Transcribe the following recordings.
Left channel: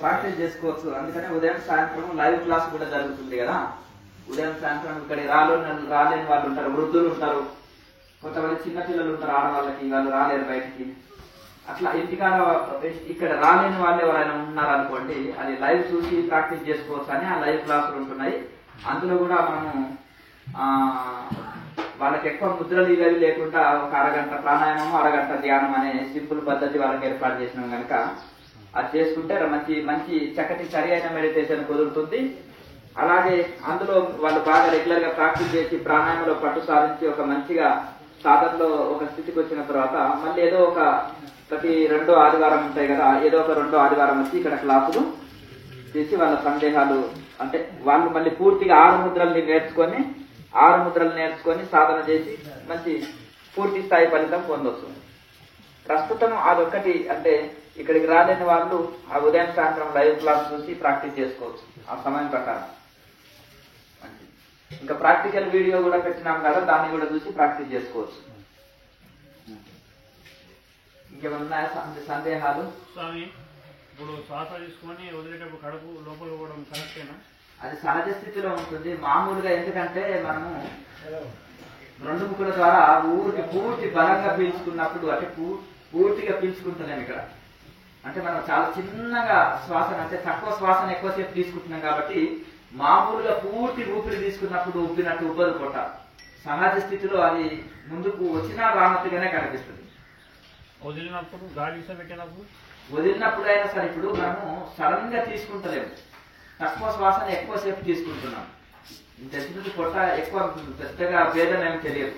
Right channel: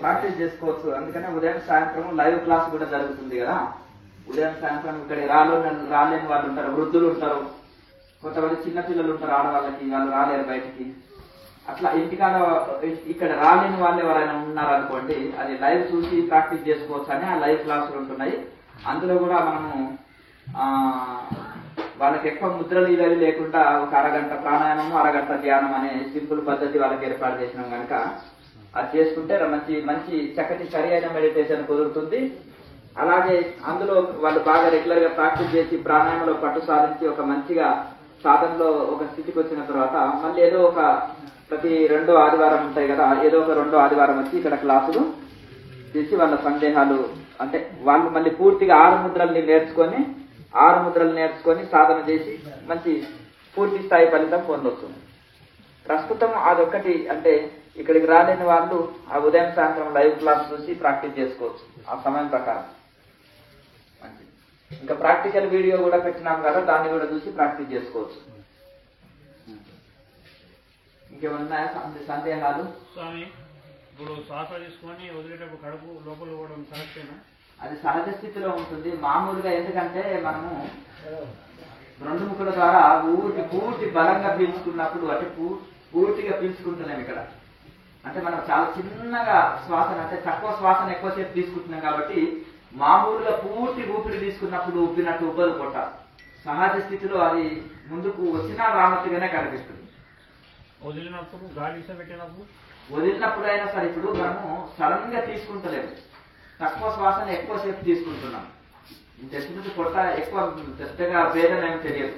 Practice చేసుకోవచ్చు. అందుకనే ఉదయం సాయంత్రం లైవ్ క్లాస్ కూడా జరుగుతుంది కదా. ఉదయం సాయంత్రం ఇక్కడ రాలేని వాళ్ళు ఉంటారు, వృద్ధులు ఉంటారు, కొంతమంది చిన్నపిల్లలు ఉంటారు, ఆడవాళ్ళకి వాళ్ళు రాలేరు బయటికి. అట్లా ఇంటికాడ ఇక్కడ రాలేని వాళ్ళు ఎవరైనా ఉన్నారనుకోండి, అది లైవ్ చూసి ప్రాక్టీస్ చేసుకోవచ్చు అని ఆ లైవ్ క్లాసులు ఉంటున్నాయి. అందులో కూడా మనము వాళ్ళకి ఎక్కువ ముద్రలు ఇవి లేకుండా ఒక అరగంట ప్రాణాయామం, అరగంట ధ్యానం అనే సింపుల్ పద్ధతి వాళ్ళకి ఏర్పాటు చేసినాం కనుక అది చేసుకుంటే మంచి మంచి చక్కటి సరి అయిన మెడిటేషన్ కుదురుతుంది. అలాగే అందులో వాళ్ళు బాగా రెగ్యులర్ గా ప్రాక్టీస్ చేసి ప్రాణాయామంలో పట్టు సాధించి ఒక మంచిగా సాధనలో ఒక స్థితికి వచ్చిన తర్వాత మళ్ళీ ఏదో ఒక ప్రతి 2వ ఆదివారం ఉంటాయి కదా, ఏదో ఒక 2వ ఆదివారం వచ్చి ఇక్కడ క్లాసులు చేసి వాళ్ళ సందేహాలు అంటే వాళ్ళు మళ్ళీ పూర్తిగా 6 ముద్రలు నేర్చుకొని సాధన చేసి మంచి పూర్తి స్థాయి ఫలితం పొందొస్తుంది. ప్రస్తుతం అదొక్కటి అంటే ఇక్కడికి రాలేని వాళ్ళు ఆ ఉదయం సాయంత్రం లైవ్ క్లాస్ చూసి ప్రాక్టీస్ చేసుకోవచ్చు ఆ సమయం ప్రకారం. ఇంకా ప్రాక్టికల్ వీడియో కూడా పెట్టినాం కదా, దాన్ని కూడా చూసి ప్రాక్టీస్ చేసుకోవచ్చు. ఇంకేమన్నా సందేహాలు? స్వామి, ఇప్పుడు శ్వాస తీసుకొని వదిలేటప్పుడు కడుపు లోపల పోవడం కరెక్టేనా? అది సహజ స్థితిలో ఉంటుంది మామూలుగా. ఎందుకంటే మనము 2 ముక్కుల ద్వారా పూర్తి బలంగా పీల్చుకున్నప్పుడు అంటే పూర్తిగా పీల్చుకుంటున్నాం ఇక్కడ. అంటే మనం చాలా చిన్నగా శ్వాసను అంటే తక్కువ శ్వాసను ఎక్కువసేపు తీసుకుంటున్నాం కాబట్టి మామూలుగా పూర్తి ఊపిరి తీసుకున్నప్పుడు ఉబ్బినట్టు ఉబ్బదు పొట్ట. సహజ స్థితిలో అది ముందుకు వచ్చినా రానట్టుగానే కనిపిస్తుంది. వదిలినప్పుడు గాలి వదిలినప్పుడు అయినా సరే ఇప్పుడు మనము సడన్ గా తీసుకుంటలేము, తక్కువ శ్వాసను ఎక్కువసేపు తీసుకుంటున్నాం. ఇంతకు పొట్ట ఎక్కువ పెద్దగా భేదం ఏమి తెలియదు.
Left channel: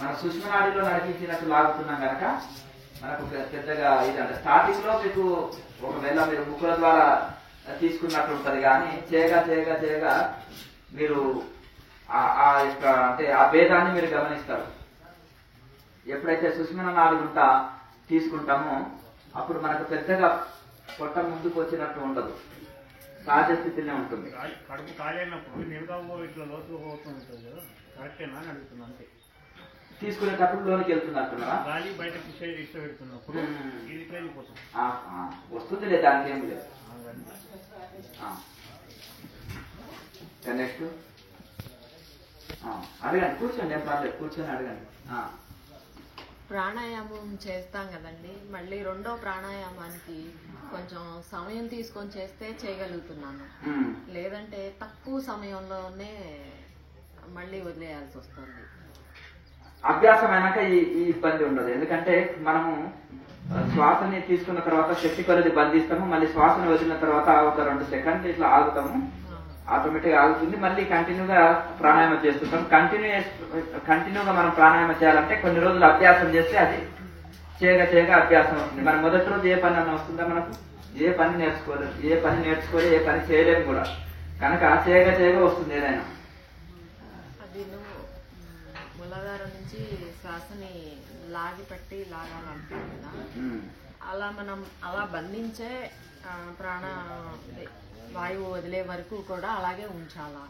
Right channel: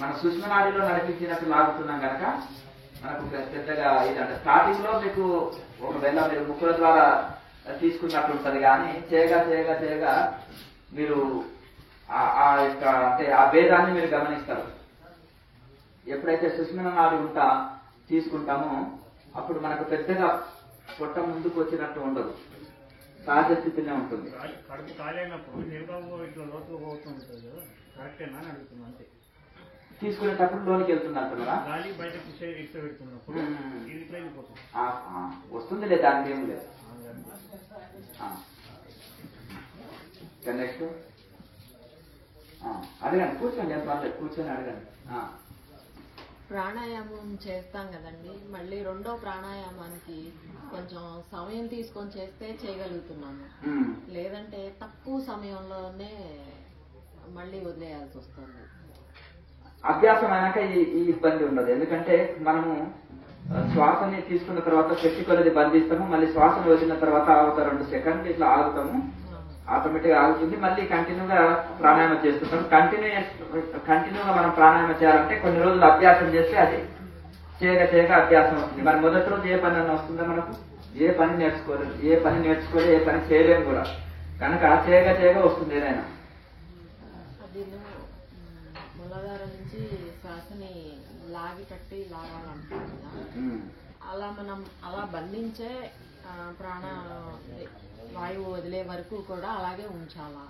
మన సుష్మనాడిలో నడిపించినట్టు లాగుతున్నాం కనుక మనకు పెద్దగా ఇదంటే స్టార్టింగ్ లో మీకు ఒకవేళ మీరు ముక్కుల ద్వారా తీసుకున్నట్టు ఉంటుంది, కానీ చేయగా మీరు ఆ యొక్క అంటే ఆ భేదాన్ని మీరు గమనిస్తారు. ఎప్పుడైతే సుష్మన నాడి తీసుకుంటామో అప్పుడు మనకు పెద్దగా పొట్ట ముందుకు వచ్చినట్టు ఉండదు, సహజ స్థితినే ఉంటుంది. కడుపు కాలేనప్పుడు ఇట్లా లోతుగా పోతుంది కదా, కరెక్టేనా అని అడుగుతున్నా. అంతే తీసుకునేటప్పుడు లోనికి వెళ్తుంది అంటున్నారా? గాలి బయటకు ఇష్టపెడుతున్నప్పుడు వస్తుంది లేదు, దానికి ఏమి లేదు. నెక్స్ట్ అడగండి, కూర్చోండి, ఏం పర్లేదు, కూర్చొని అడగండి. ప్రాణాయామం చేస్తాం కదండి, మళ్ళీ 2వ ప్రాణాయామానికి కొంచెం సమయం తీసుకొని చేస్తే చేయగలుగుతున్నాను, లేదంటే తక్కువ సమయంలోనే మళ్ళీ వదిలేయాల్సి వస్తుంది. అభ్యాసం అయినాక ఈ ఇబ్బంది ఉండదు. ఎందుకంటే మనము శ్వాసని తీసుకున్న తర్వాత శక్తి కొలది బంధిస్తాము, మళ్ళీ శ్వాసను వదిలిన తర్వాత ఒక 2 సెకండ్లు ఇట్లా ఆగుతాము, ఆటోమేటిక్ ఆగుతుంది. మళ్ళీ కంటిన్యూగా ప్రాణాయామం చేస్తుంటాం. కంటిన్యూగా మనం ప్రాణాయామం చేయాలంటే కొన్ని రోజులు అభ్యాసం చేస్తే అది చేయగా అభ్యాసం వస్తుంది. మరి మొదటి రోజు ఏ పని అన్న వస్తుందా మనకు? ఏ పని నేర్చుకోలేదు, ఏ పని చేయలేము కూడా, కనుక చేయగా వస్తుంది ఏదైనా. అది మూలాధారం నుంచి శ్వాసని లాగాలంటున్నాం కదా, అలా మనం అలా బంధించే వాయువు వదిలే వరకు కూడా అలాగే ఉంచాలా?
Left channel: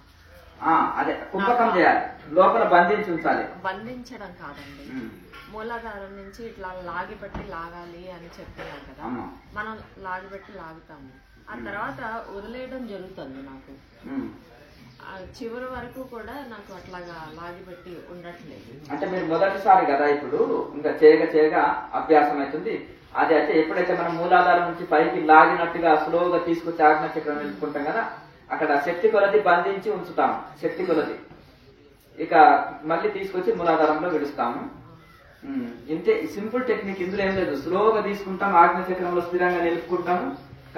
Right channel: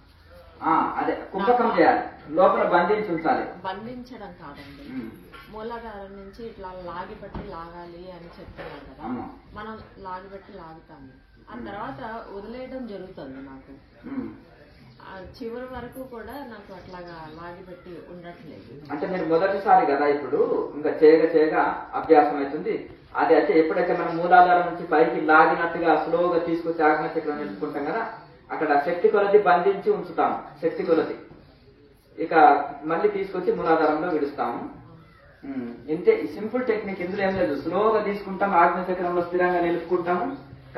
అదే కుంభకం చేయాలి, లోపల బంధించాలి. బంధించడం కాదండి, మూలాధారం నుంచి ఇట్లా లాగాలి అని చెప్తున్నాం కదా, మనం లాగుతాము, ఆ తర్వాత వదిలేయడం జరుగుతుంది. నాకు చివరి వరకు కూడా నాకు అట్లాగా లాగిపెట్టి ఉండట్లేదు. అంటే మీరు మొదటిసారి కదా ఇప్పుడు, ఇంకా చేయగా అభ్యాసం అవుతుంది. అది అయితే ఎప్పుడైతే మనం మూలాధారం నుంచి పైకి లాగినట్టుగా స్లోగా తీసుకొచ్చి ఆజ్ఞ చక్రం నిలుపుకుంటాం కదా, అక్కడ శక్తి కొలది బంధించి ఉంచుతాము, శక్తి కొలది. ఇక మళ్ళీ తీసుకొచ్చి మూలాధారంలో విడుస్తాము. ఇంతే సింపుల్ టెక్నిక్, ఇందులో ఏం లేదు. స్లోగా తీసుకుంటాం, ఆజ్ఞ చక్రంలో స్థిరంగా నిలుపుకుంటాము,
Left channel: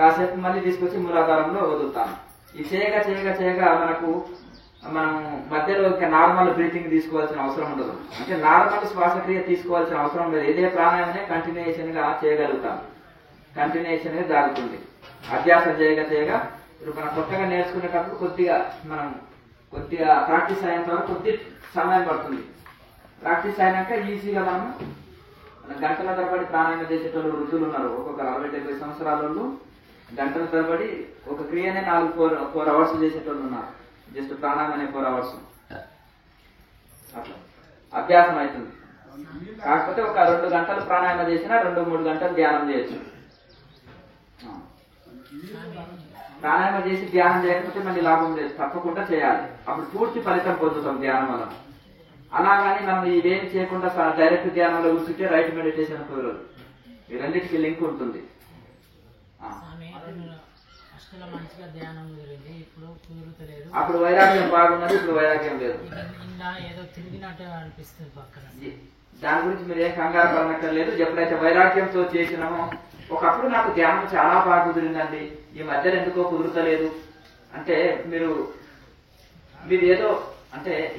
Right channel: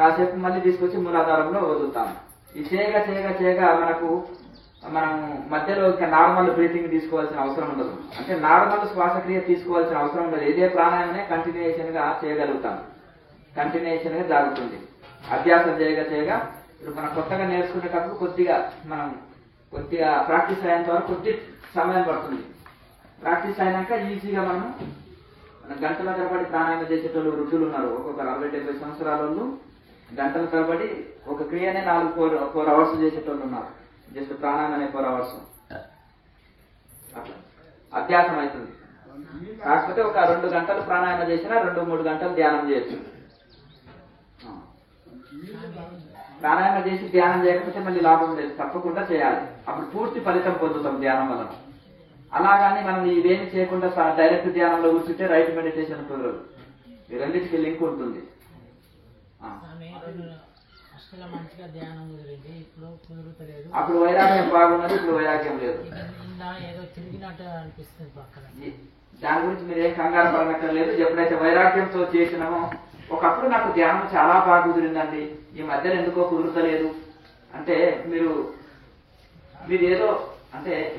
కాసేపు మళ్ళీ తీసుకొచ్చి మూలాధారంలో వదులుతాము. ఈ చేయగా మనం మధ్యలో ఇంకా నార్మల్ బ్రీతింగ్ తీసుకోవాల్సిన అవసరం ఉండదు. అంటే నార్మల్ శ్వాసక్రియ తీసుకోవాల్సిన అవసరం లేదు. ఇదే ప్రాణాయామనే కంటిన్యూషన్ గా చేయగలుగుతాం, కంటిన్యూషన్ గా జరుగుతుంది. అభ్యాసం చేయగా ఇప్పుడు మనం కొత్తగా నేర్చుకునేటప్పుడు కొద్దిగా ప్రాక్టీస్ అయినంత వరకు కొద్ది సమయం పడుతుంది. ప్రాక్టీస్ అయినాక ఈజీగా మనం గంటల తరబడి ప్రాణాయామం చేసేటోళ్ళు వృద్ధులు ఉన్నారు. ఒక్కొక్క 60-70 సంవత్సరాల వాళ్ళు గంటల తరబడి ఒక క్రియనే 4 అవర్స్ చేసేటోళ్ళు ఉన్నారు. జస్ట్ ప్రాణాయామం అనే 4 అవర్స్ అట్లా అభ్యాసం అవుతుంది. కాకపోతే ఒక 2 గంటలు ప్రాణాయామం చేసినా 2-3 గంటలు ధ్యానం చేయొచ్చు. ప్రాణాయామం చేసి ధ్యానం చేయకపోతే మళ్ళీ లాభం లేదు, తప్పకుండా చేయాలి. అప్పుడు పూర్తి ఫలితం పొందుతాం ధ్యానం వల్ల. అలాగాని మనం ఇవేమి చేయకుండా డైరెక్ట్ ధ్యానంలో కూర్చుంటే రైట్ మెడిటేషన్ కుదరదు. ఈ రెండింటికి లింక్ ఉంటుంది. మంచిగా ధ్యానం కుదిరింది, ఇప్పుడు కుదురుతలేదు. అప్పుడు వైరాగ్యం బాగున్నది, ఇప్పుడు వైరాగ్యం లేదు. ఇలా ఏదో తిరిగినట్టు అనిపిస్తుంది పక్కన. దాని గురించి మీరు ఏం కంగారు పడనక్కర్లేదు. ఎప్పుడైతే వైరాగ్యంతో చేసినామో, ఒకప్పుడు నాకు ధ్యానం చాలా బాగా కుదిరిందండి, ఈ మధ్యలో ఎందుకో కుదురుతలేదు అంటే మీరు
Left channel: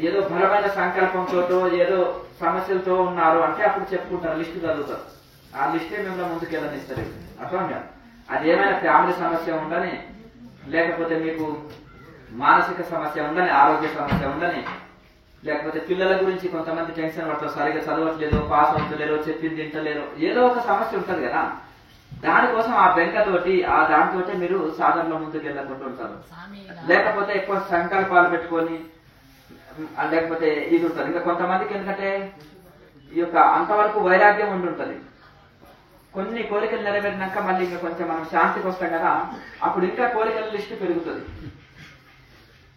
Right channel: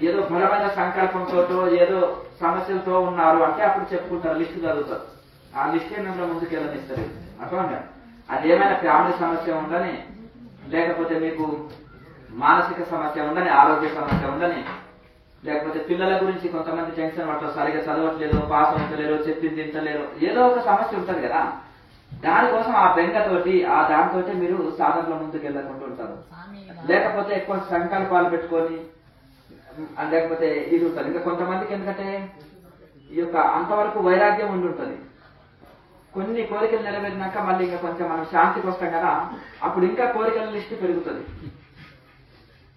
ఏదో బలమైన సంకల్పంతో ఏదో సమస్యలతో ఉన్నారు అంటే అప్పుడు చెప్పుకుంటారు, లిస్టు చదువుతారు. ఆ లిస్టే మిమ్మల్ని ముందుకు వెళ్ళనిస్తారు. అర్థంగా అదేమైనా ఫ్యామిలీ సమస్య ఉండని, లేకపోతే మీకు మానసిక సమస్య ఉండని, ఆరోగ్య సమస్య ఉండని, లేకపోతే పిల్లల గురించి కొంతమంది టెన్షన్ పడతారు, సరిగా చదవట్లేదు, పాస్ అవుతలేరు, చెప్పింది తింటలేరు, ఏదో ఒక సమస్య ఉంటుంది కదా. దానికోసం ఆ బెంగతోటి ఆ దానితోటి మీరు సాధనలో ముందుకు వెళ్ళకుండా ఉంటారు. లేకపోతే ఎక్కువ సంకల్పాలు పెట్టుకొని, లేకపోతే ఇది ఉంటుంది. ఇంకా కొంతమందికి ఎందుకంటే ఈ యొక్క అంతవరకు వైరాగ్యం ఉండి ఉంటుంది. కొన్ని కోరికలు నెరవేరినాక మళ్ళీ ఇంకా కొంచెం మనం శాంతికి వస్తాం కదా, అప్పుడు ఇంకా కోరికల లిస్టు పెరుగుతుంది.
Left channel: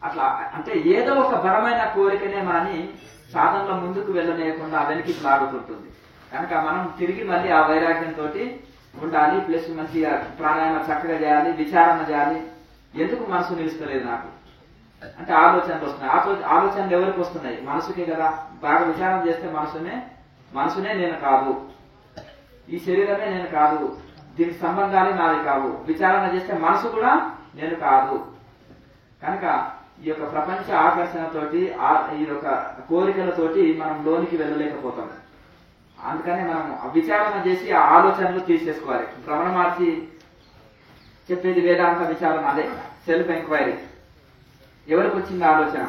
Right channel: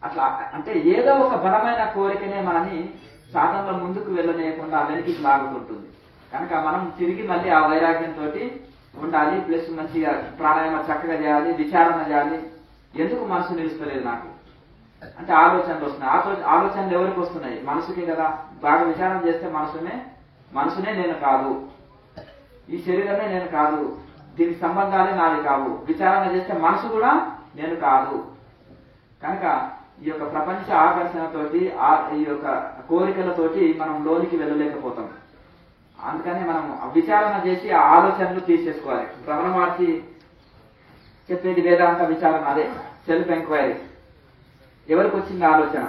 అట్లా అంటే ఏదో ఒక బలమైన కోరికనే మనని సాధనలో ముందుకు వెళ్ళలేకుండా వెనక్కి లాగుతుంటుంది. కనుక మనం తిరిగి మళ్ళీ ఆ వైరాగ్యంతో ఉండాలి. ప్లస్ మంచిగా ప్రాణాయామం చక్కగా చేయాలి, విచారణ చేయాలి. ఎందుకు మనసు నిలుస్తలేదు నాకు అంటే ఆలోచనలు వస్తున్నాయి. ఆలోచనలు ఎవరికి వస్తున్నాయి? మనసుకే కదా. బాగా విచారణ చేస్తే మనసునే నేను కాదు, ఈ శరీరమే నేను కాదు, దీనికి సంబంధాలే నాది కావు. విచారణ చేస్తే మనసు కూడా నేను కాదు. కనుక ఈ యొక్క ప్రపంచ ఆకర్షణతోటి ఈ యొక్క కోరికలతోటి మనం లోనికి వెళ్ళలేకపోతాం. అందుకని మనం విచారణ చేసి ఆ ఆలోచనలు తీసేసుకోవాలి. రమణ మహర్షి చెప్పేది వేదాంత విచారణ, అదే సెల్ఫ్ ఎంక్వైరీ. ఎవరికి వచ్చింది ఆలోచన?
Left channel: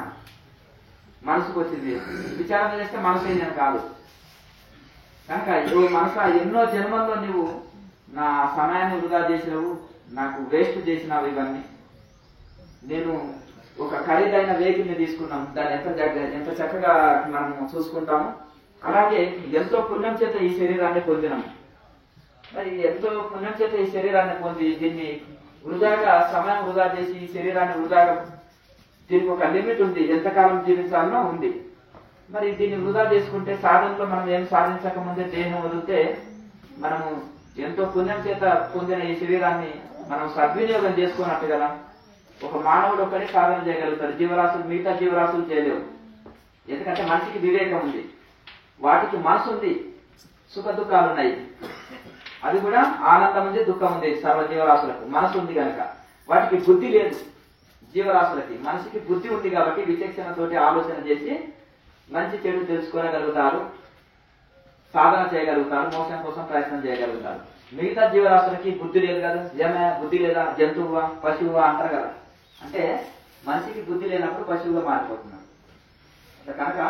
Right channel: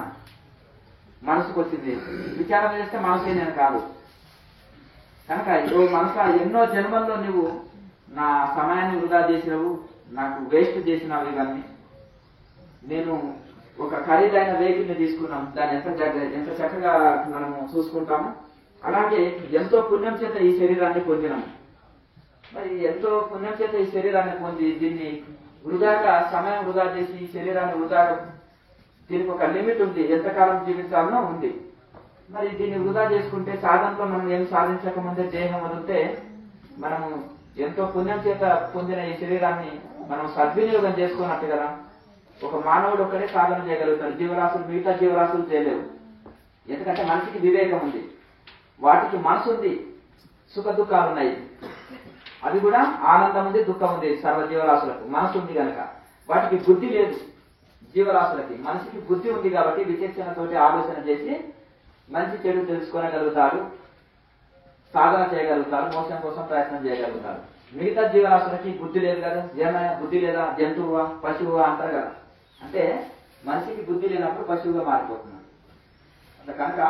మనసుకు వచ్చింది. విచారణ చేస్తే మనసే నేను కాదు. కనుక మనసు ఎన్నో జన్మల్లో నువ్వు నా సమయాన్ని వృధా చేసినవు, నాకు వేస్ట్ చేసినావు, ఇవన్నీ నేను ఒక ఖరీదైన వెహికల్ ని తీసుకున్నాం, దాన్ని ఎంత చక్కగా మనము చూసుకుంటాము. అలాగే ఎంతో పుణ్యం చేత ఈ శరీరాన్ని పొందినాము. మరి ఎంతో పుణ్యం చేత ఈ శరీరాన్ని పొంది దీన్ని వృధాగా సమయం వృధా చేసి ఈ శరీరాన్ని వృధాగా, దీనికి ఒక లిమిట్ ఉంది, ఎంతకాలం జీవించాలనో ఉంది. మరి దీన్ని వృధా చేసుకుంటే సాధనలో మనం ఏం సాధించక ముందే దేహం వదిలితే మనము ఎంతో పుణ్యం చేత పొందిన ఈ శరీరాన్ని మనం సద్వినియోగం చేసుకున్నట్టు కదా. ఒక మానవుడు ఒక్కడే సాధన చేయగలుగుతాడు, జీవరాశులు మిగతా జీవరాశులు చేయలేవు. ఎందుకంటే మనిషికి వివేకం ఉంది, వాటికి మనసు ఉంది, సుఖ దుఃఖాలు ఉన్నాయి. అది కూడా ఆనందం ఉంది, దుఃఖం ఉంది. సర్వ జీవరాశులకు మనసు ఉంది కనుక. వాటికి బుద్ధి లేదు. జీవరాశులకి మనసుకి బుద్ధి ఉంది కాబట్టి విచక్షణతోటి ఆలోచన చేసి మంచి చెడు తెలుసుకోగలుగుతారు, సాధన చేయగలుగుతారు, మోసం కోసం ప్రయత్నం చేయగలుగుతారు. మిగతా జీవరాశులకి బుద్ధి లేదు కదా. బుద్ధి లేదా, జంతువుగా పశువుగా అంటారు కదా. అంటే మనిషికి బుద్ధి లేనప్పుడు పశువుగా మారిపోతున్నాడు. కనుక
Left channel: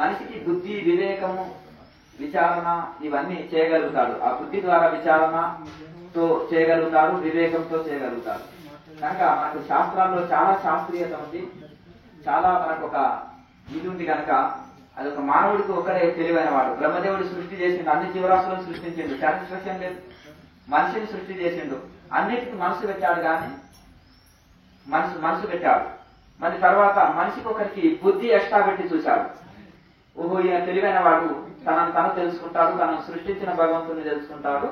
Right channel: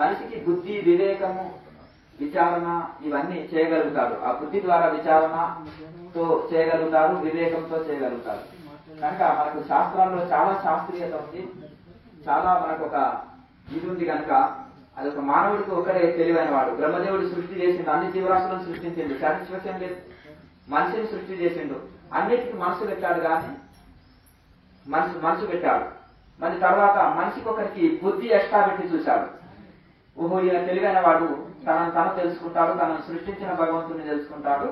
మనిషికి బుద్ధి, వివేకము, విచారణ ఇవన్నీ చేయగలుగుతాడు. ఆ బుద్ధి ద్వారా విచారణతో చేయగలుగుతారు, వివేకంతో చేయగలుగుతారు. కనుక మనకు శాస్త్రాల్లో చాలా శాస్త్రీయత ఉంది, చాలా మనకు ఒక ఇది ఉంది. కనుక అది ఒక మానవుడికి ఒకరే తెలివైన వాడు. బ్రహ్మదేవుడు సృష్టి చేసిండు, అన్ని జీవరాశులను సృష్టించిండు, సాటిస్ఫాక్షన్ లేదు. మనిషిని సృష్టి చేసిండు, అన్నిటికీ మనసు పెట్టాడు. కానీ మనసు పెట్టాడు. మరి తర్వాత మనిషికి ఒకరికి బుద్ధి ఎక్స్ట్రా పెట్టి చూశాడు. ఓహో, ఈయన తెలివైన వాడు, తను తెలుసుకుంటాడు, తనను సృష్టించిన భగవంతుని తెలుసుకుంటాడు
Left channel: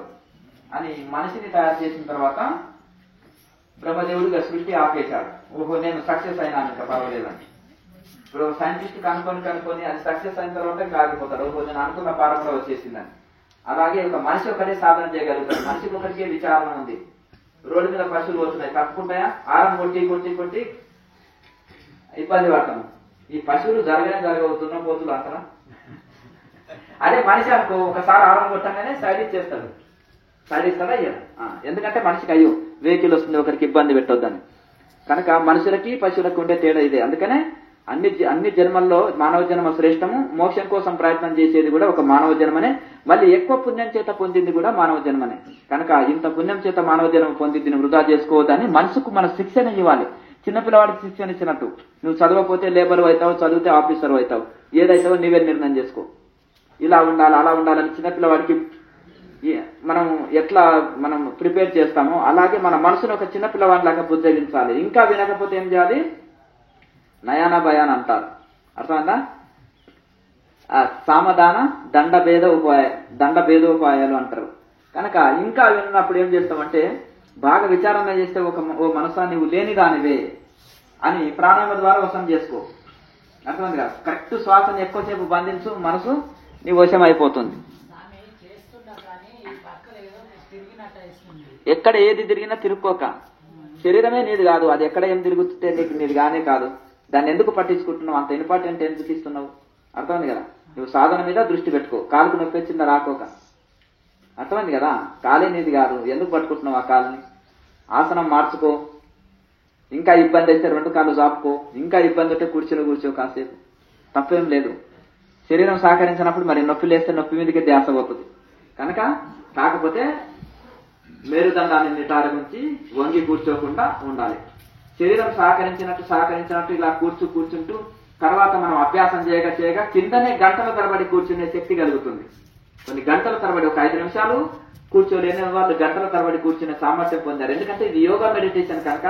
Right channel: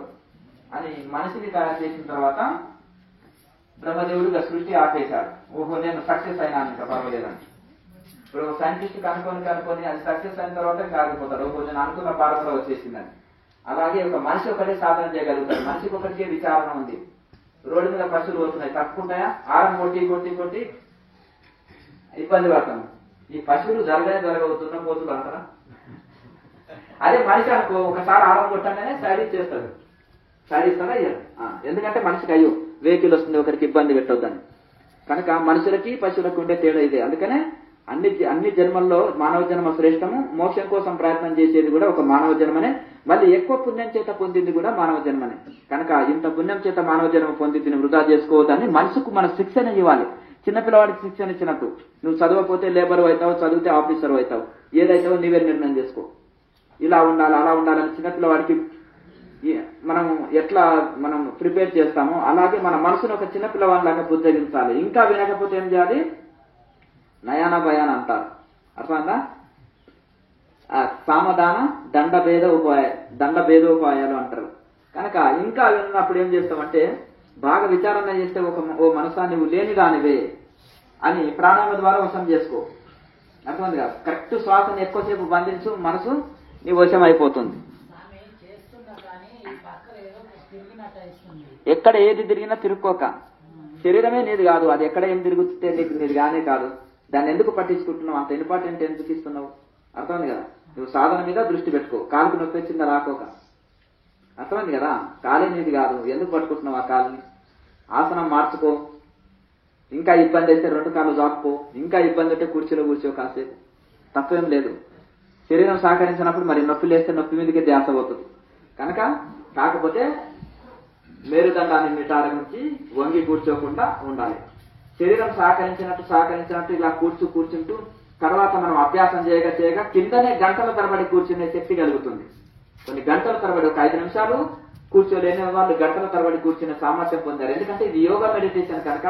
అని మనిషిని తయారు చేసిన తర్వాత బ్రహ్మదేవుడిగా సృష్టి ఆపేశాడు. ఓహో, నేను సక్సెస్ అయినాను, ఇంకా పర్వాలేదని. ఇప్పుడు సైంటిస్ట్ కనుకొని అది సక్సెస్ అయిన తర్వాత ఆగిపోతాడు. ఓహో, నేను అనుకున్న పాఠంలో వచ్చేసిందని. అలాగే ఒక మనిషి ఒకటే సాధన చేయగలుగుతాడు. మనిషికి ఒకటికే విచారణ ఉంది. రోడ్డు మీద పశువులు పోతున్నాయి, తప్పుకుంటాయా? ఆరం కొట్టి ఇబ్బంది పడతాను. ఈ పశువులు జరగవుతున్నా పోతులు అంటారా? అదే మనిషి అనుకో, ఒకసారి ఆరం కొట్టంగానే సైడ్ ఇచ్చేస్తాడు. సైడ్ ఇస్తాడా? ఎందుకంటే మనిషికి అయ్యో వెహికల్ వస్తుంది, ఒకరికి ఇబ్బంది పెట్టొద్దని. కనుక మనుషులకి పశువులకు ఉండే తేడా ఇదే. అందుకనే అన్ని జన్మల్లో మానవ జన్మ శ్రేష్టము. మోక్షం కోసం ప్రయత్నం చేసేది కూడా ఒక మానవ జన్మనే. మళ్ళీ ఎక్కువ పుణ్యం చేత పొందింది కూడా మానవ జన్మనే. కనుక ఇంత పుణ్యం చేత మానవ జన్మ పొందింది వృధా చేసుకోవద్దని మనసుకు మన శిక్షణ ఇవ్వాలి. చిన్నపిల్లవాడికి శిక్షణ ఇచ్చినట్టు. నువ్వు చదవకపోతే లేబర్ అవుతావు, చదివితే ఆఫీసర్ అవుతావు, ఏదైతావో నీవే నిర్ణయం చేసుకో. ఇలా ఉండాలి అలా ఉండాలని చిన్నపిల్లవాడికి మనం ఎట్లా మనం ప్రిపేర్ చేస్తామో అలాగే మన మనసును ఒక చిన్నపిల్లవాడిలాగా బుద్ధగించాలి. ఇంకా వినకపోతే ఏం చేయాలి? నయాన భయాన అంటారు, అర్థమైందా? సామధాన దండభేదోపాయాలు అంటారు. కనుక ఇంకా విన్నప్పుడు ఏం చేస్తామంటే బాగా విచారణ చేస్తే ఓ మనసా నీవు లేని దానివే అని ప్రాణాయామం ద్వారా వశం చేసుకో. అర్థమైంది కదా? కరెక్ట్ శ్వాసను ఎక్కువసేపు బంధించు, మనసు నీ వశం అయిపోతుంది. ఎక్కడ ఏది తిరిగినా తిరుక్కోక. శరీరమే నీది కాదు, అది ఎక్కడ ఏం తిరుగుతుంటే నీకు నీది కానే కాదు. దాన్ని ఎందుకు పట్టించుకుంటున్నావు? అంత ఇంపార్టెంట్ ఎందుకు ఇస్తున్నావు? అర్థమైంది కదా? నువ్వు సాధన మీద దృష్టి పెట్టుకో. కాలుకు నొప్పి వచ్చిందా రాకోక. అర్థమైంది కదా? కాలే నీది కాదు, ఎందుకు పట్టుకుంటున్నావు ఆ కాలుని? ఆసనం మార్చుకో. ఇంకా ఇబ్బంది అయితే 2 కాళ్ళు జాపుకో. ఇంకా ఇబ్బంది అయితే కుర్చీలో కూర్చో కాసేపు, తప్పేం లేదు. శరీరం సహకరించినప్పుడు మరి నొప్పి లేస్తే నొప్పి మీదకి ధ్యాస పోతుంది. కనుక కాకపోతే మేరుదండాన్ని నిటారించి వంగి కూర్చోకుండా ఉండాలి. శరీరం సహకరించినట్టు ఇలా కూర్చుంటూ తర్వాత మనం అభ్యాసం చేయగా కిందనే గంటల తరబడి కూర్చునే శక్తి కలుగుతుంది. కొన్ని గంటల తరబడి, ఒక 5 నిమిషాలు కూర్చోలేని వాళ్ళు గంటల తరబడి కూర్చునే సామర్థ్యం పొందారు. ఎందుకంటే ఇది యోగా మెడిటేషన్ కనుక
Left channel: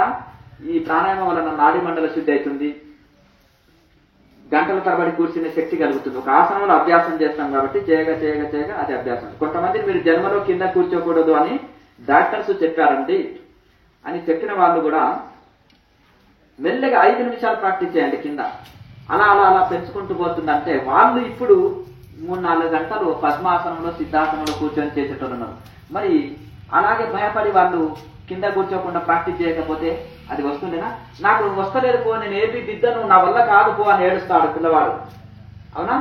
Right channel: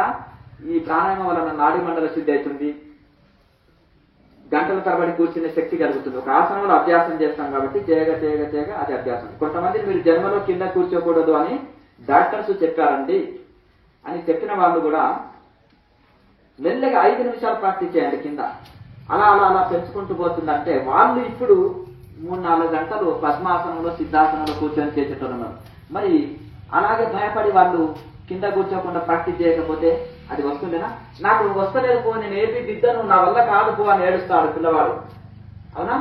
ఈ ప్రాణాయామం వలన నాడీ మండల శుద్ధి అవుతుంది, గంటల తరబడి కూర్చునే శక్తి కలుగుతుంది. ఒక ఆసనంలో అభ్యాసం చేస్తాం కాబట్టి చేయగా అది అభ్యాసం. కొంతమంది మీరు జన్మలో కింద కూర్చోకూడదు అని డాక్టర్స్ చెప్పారండి అని చెప్పిన వాళ్ళు కూడా మెల్లగా 5 నిమిషాలు ప్రాక్టీస్ చేయండి కింద. అలా పెంచుకుంటూ పోతుందంటే వాళ్ళు ఇప్పుడు 3-4 గంటలు పద్మాసనంలో సిద్ధాసనంలో కూర్చొని చేసేటోళ్ళు. మరి అలాగే భయపడి వాళ్ళు కింద కూర్చోకుండా ప్రాక్టీస్ చేయకపోతే అది వస్తుండేనా? నాకు వస్తలేదు పో, నేను ఏపీ దిద్దను, నా వల్ల కాదు పో అని ఏడుస్తాడు పిల్లవాడు. అవునా?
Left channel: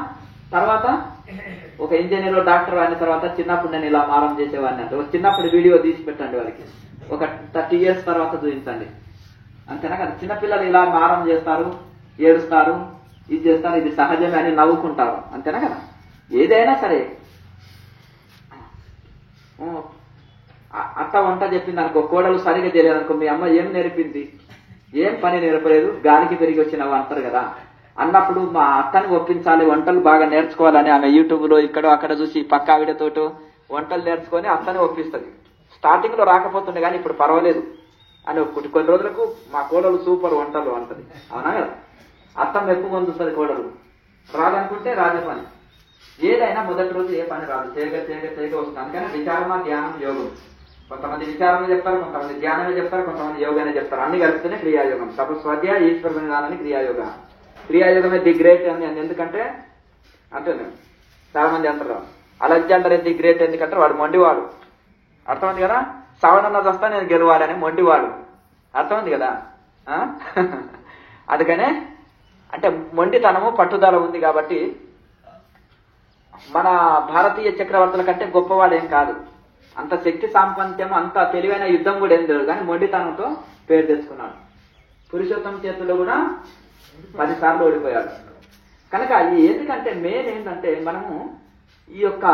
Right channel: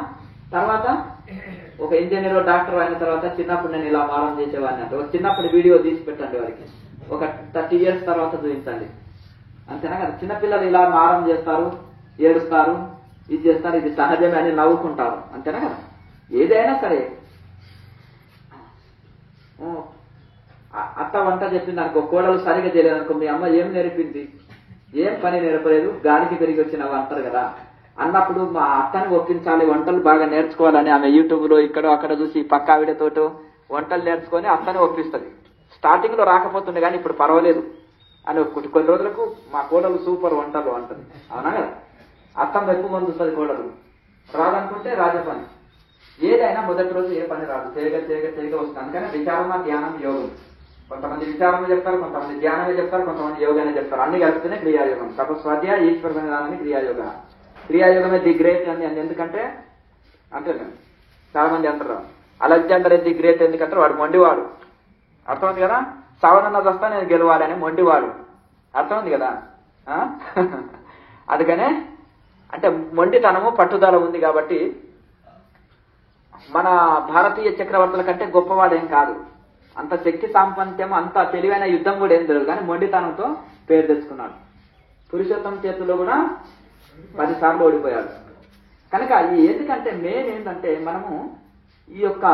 తర్వాత ఒక ఇంజనీర్ డాక్టర్ అయిన తర్వాత చిన్నప్పుడు నేను ఇలా మారం చేసేవాడిని అంటే చిన్నప్పుడు వీడియో తీసి పెట్టండి వారికి. ఒక 30 years తర్వాత చూపించండి. అంతేనా కదా? చిన్నపిల్లలు ఇలా మారం చేస్తారు, ఏడుస్తారు, ఇది చేస్తారు, ఇది సహజమే అని నవ్వుకుంటారు. అంతేనా కదా? ఏదైనా సరే అత్త వంట చెప్పింది అనుకో, కోడలు సరిగా చేయలేదు అనుకో, మీ అమ్మ ఏం నేర్పింది? ఏం పని నేర్పలేదు, గాలికి పెరిగి వచ్చినవి అంటారు కదా. అన్నప్పుడు మా అత్తని ఒప్పించాలి, వంటలు బాగా నేర్చుకోవాలని ఆమె యూట్యూబ్ లో ఇక్కడో అక్కడ చూసి పక్క ఆవిడతోటో వంటలు నేర్చుకొని అత్తని ఒప్పిస్తుంది. స్టార్టింగ్ లో రాకపోతుంది కానీ ఇప్పుడు పర్వాలేదు అని కొన్ని రోజులకు మా కోడలు సూపర్ వంటలు అంటుంది. అవునా కదా? అత్త మెప్పు పొందుతుంది కోడలు. రాదనుకుంటే రాజే పని. ఏదైనా మొదటి రోజు ఏ పని రాదు, చేయగా వస్తుంది. అందుకని విచారణ, ధ్యానం, యోగం. కొంతమంది విచారమే చెప్తారు, కొంతమంది ధ్యానమే చెప్తారు, కొంతమంది యోగానే చెప్తారు. అన్ని కలిపితేనే క్రియాయోగం. తపస్వాధ్యాయ ఈశ్వర జ్ఞానాన్ని క్రియాయోగ. క్రియాయోగమే ది గ్రేట్ అని. ఎందుకంటే అంటే చాలా మంది అంటారు అలెగ్జాండర్ ది గ్రేట్ ఎందుకంటే వాడు మొండివాడు. అర్థమైంది కదా? సావనన్న వస్తా నేను గెలవాలని మొండివాడు. అర్థమైంది కదా? అందుకనే అంటే మొండితనము పట్టుదల ఉంది కాబట్టి మన భారతీయ చక్రవర్తుల కంటే గొప్పవాడు ఏం కాదు. అంత శక్తి సాంపత్యం, అంత తెలివైన యుద్ధం కూడా ఏం తెలియదు కానీ మొండితనంతో పేరు తెచ్చుకున్నాడు. పురుషోత్తం చేతుల్లో కూడా 10 సార్లు ఓడిపోయాడు. కనుక ఎందుకంటే మెయిన్ ఏంటంటే మనము ఈ యొక్క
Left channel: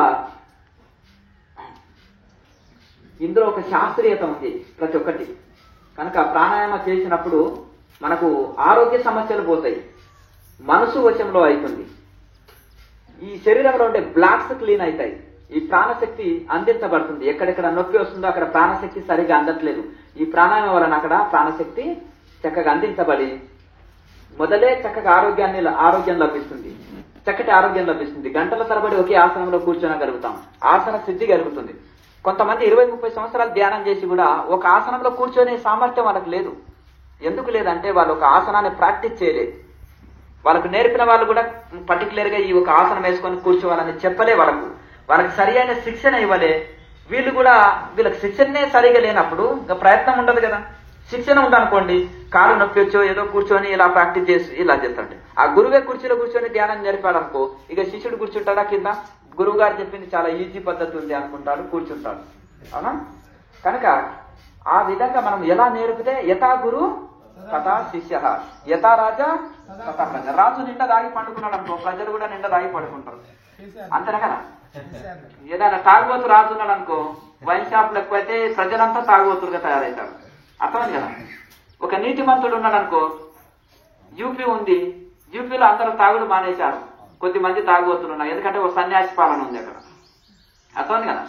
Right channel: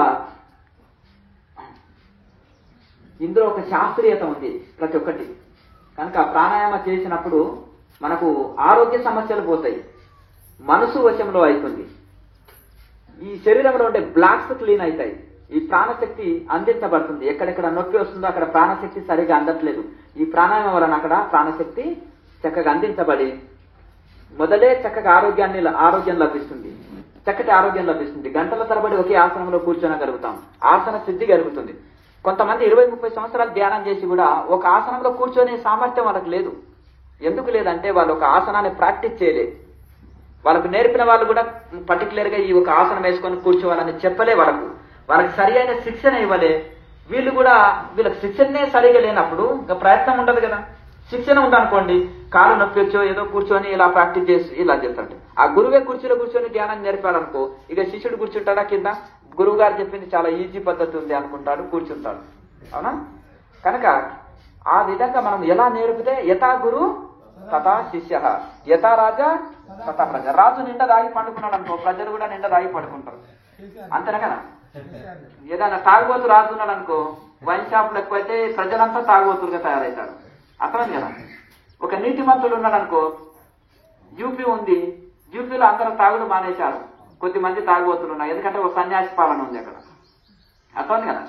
ఇందులో ఒక శాస్త్రీయత ఉంది ప్రతి ఒక్కటి. కనుక ప్రాణాయామ చేసినప్పుడు మనకు ఆరోగ్య సమస్యలు పోతాయి, మనసు వశంలో అవుతుంది, ఈ శరీరంలో ఉండే బ్లాక్స్ క్లీన్ అవుతాయి, ఈ ప్రాణశక్తి అందించబడుతుంది. ఎక్కడెక్కడ నొప్పి వస్తుందో అక్కడ ప్రాణశక్తి సరిగా అందట్లేదు. ఈ ప్రాణాయామం వలన అక్కడ ప్రాణశక్తి చక్కగా అందించబడి మొదలే చక్కగా ఆరోగ్యం లభిస్తుంది, చక్కటి ఆరోగ్యం లభిస్తుంది. గంటల తరబడి ఒకే ఆసనంలో కూర్చోనగలుగుతాం, ఆసన సిద్ధి కలుగుతుంది. కొంతమంది 20-30 సంవత్సరాలు ధ్యానం చేసి కూడా ఒక ఆసనంలో కూర్చొనే సామర్థ్యం వాళ్ళకి లేదు. ఎందుకు లేదంటే వాళ్ళు ఒక ఆసనాన్ని ప్రాక్టీస్ చేయలేదు. వాళ్ళకు నేర్పిన వాళ్ళు కూడా పర్టికులర్ గా ఈ ఒక ఆసనం వేసుకొని కూర్చోవాలని చెప్పలే. వాళ్ళకి సరి అయిన శిక్షణ ఇవ్వలే. వీళ్ళకి శిక్షణనే సరిగా లేనప్పుడు ఇంకా ప్రయత్నం ఉండదు కదా. శిక్షణ ఉండనుకోండి, కాలు నొప్పి వచ్చో ఏదో కూర్చొని ఇలా ప్రాక్టీస్ చేసి ఇలా చేస్తాడు. ఆ గురువే కుర్చీలో కూర్చొని ధ్యానం నేర్పాడనుకో, ఇక శిష్యుడు కూర్చుంటాడా కింద? గురువు గారు చెప్పింది చాలా ఈజీ పద్ధతి ఉంది అనుకుంటాడు, కూర్చుంటాడు. అవునా? కనుక ఆ విధంగా మనం ఎలా నేర్పితే యథా గురు తథా శిష్య, యథా రాజా తథా ప్రజ. రాజు నిండా దాగి పండుకున్నాడు అనుకో, ప్రజలు కూడా నిండా దాగి పడుకుంటారు. అంతేనా కదా? ఏదైనా తాగుబోతు రాజున్నాడు అనుకో, వైన్ షాప్లకు పోతే ప్రజలంతా తాగుబోతులుగా తయారవుతారు. అర్థం కదా? ఒక నీతి మంత్రుడు ఉన్నాడు అనుకో, యూపీ ఉంది, యూపీలో అందరూ తాగుడు మానేశారు. కొద్దిమంది తాగుబోతులు ఉన్నారు. ఎందుకంటే ఒక సన్యాసి పాలన ఉంది అక్కడ. అర్థం కదా?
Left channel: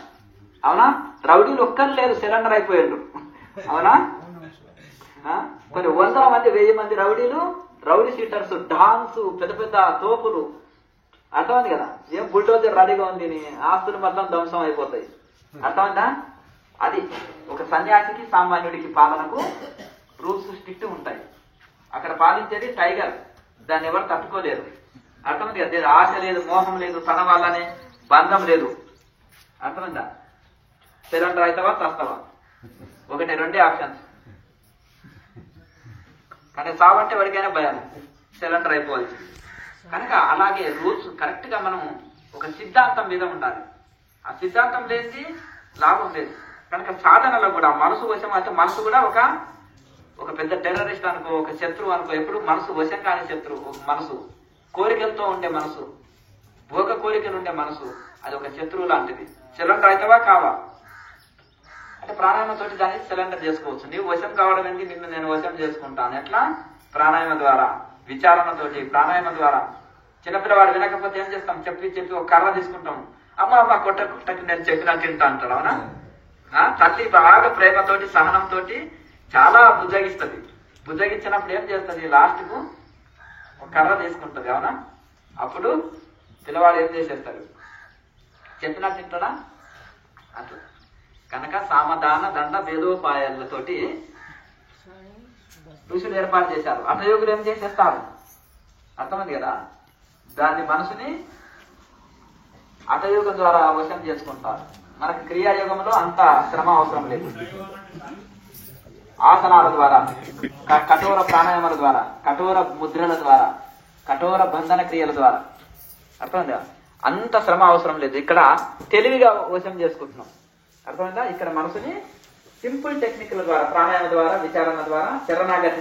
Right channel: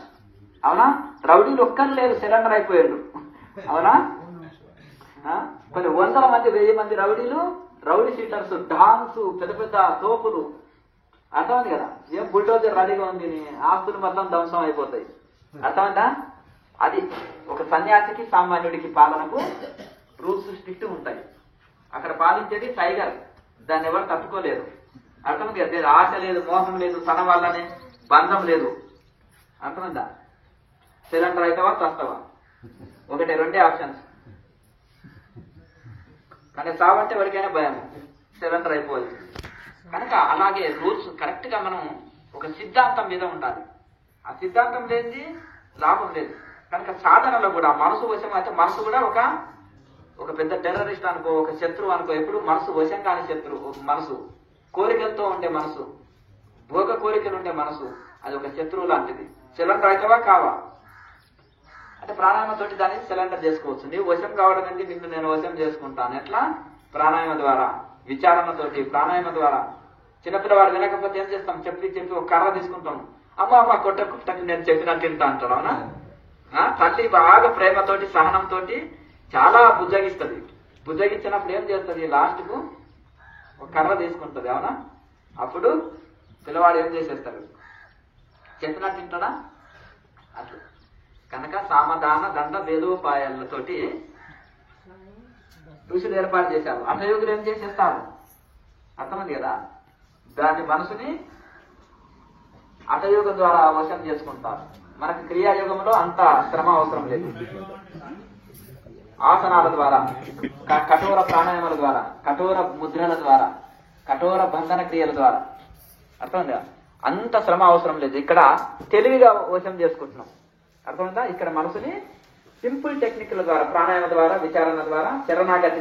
అవునా? రౌడీలు ఒక్కరు లేరు, సిలిండర్ అయిపోయాడు. అవునా? కొన్ని వందల మంది 1000 మంది రౌడీ షీటర్స్, డాన్స్, పెద్ద పెద్ద తోపులు. అర్థమైంది కదా? ఏం బుల్డోజర్ రెడీగా ఉంది, ఆస్తులు మొత్తం ధ్వంసం అయిపోతాయి. అర్థమంటా? అది ఒక సన్యాసికి సామాన్యుడికి పాలనకు రూల్స్ స్ట్రిక్ట్ ఉంటాయి. అక్కడ పాలించేది టైగర్, దాన్ని ఎవరు తట్టుకోలేరు. అర్థమైంది కదా? ఆశ లేదు, మోహం లేదు, తన వల్లనే బంధం లేదు. అర్థమైందా? సిలిండర్ అవుతావా తస్తావా, ఒకటే 2 ఆప్షన్స్. కానీ సావంటే ఎవరికైనా భయం, సిలిండర్ అయిపోవాలి. కనుక అలాగే రూల్స్ కరెక్ట్ గా మనం ఒక సిద్ధాంతం మీద ఉండాలి. ఆ సిద్ధాంతం లేనిది లాభం లేదు. కనుక సాధనలో కూడా మనసు వశం అయితే, మనసు కూడా ఒక పెద్ద టెర్రరిస్ట్ అనుకో, ఒక శత్రువు అనుకో. ఎప్పుడు మనసు వశం కాని శత్రువు. ఒక మనసు కోరికలతో ఉండే మనసు, భోగ కోరికలు ఉండే మనసు, అది ఒక శత్రువు లాంటిది. సిలిండర్ అవుతావా కావా అంటే ప్రాణాయామంతో దాన్ని సిలిండర్ చేసుకోవచ్చు. నీవు వశం కావడం ఏంటి? నిన్ను నేను వశం చేసుకుంటాను. ఎట్లా? ప్రాణాయామ ద్వారా, విచారణతోటి, ప్రాణాయామ ద్వారా. చిన్నపిల్లవాడు వినకపోతే ఏం చేస్తాం? చెప్పి ఒక కర్ర తీసుకుంటాం. అమ్మ కొట్టకు నేను చెప్పినట్టు తింటా అంటాడు. అవునా? తల్లి బాగా ప్రేమతోటి, సహనంతో చాలా బుజ్జగిస్తుంది. బుజ్జగించినప్పుడు ఏం చేస్తుంది? లాస్ట్ కు ఒక కర్ర తీసుకుంటుంది. అవునా? అప్పుడు పిల్లవాడు ఏం చేసేస్తారు? చెప్పినట్టు తింటాడా? అట్లా. కనుక సామధాన దండ భేదోపాయాలతోటి ఋషులు ఏర్పాటు చేశారు. అటయోగులు ఏం చేసేస్తారు? అర్థమైంది కదా? దాని మనసుని అటయోగం ద్వారా వశం చేసుకుంటారు. మనకి క్రియాయోగంలో అంత శ్రమ అవసరం లేదు. ఆసనాల ద్వారా, కఠోర ప్రాణాయామాల ద్వారా, కఠోర ముద్రల ద్వారా, కఠోర బంధన క్రియల ద్వారా. అర్థమైందా? అంత శ్రమ అవసరం లేదు. ఇక్కడ తెలివిగా వశం చేసుకుంటున్నాం. అర్థమైందా? ఇక్కడ మనసుని సింపుల్ టెక్నిక్ల ద్వారా, ప్రాణాయామ ద్వారా, విచారణ ద్వారా, శరణాగతి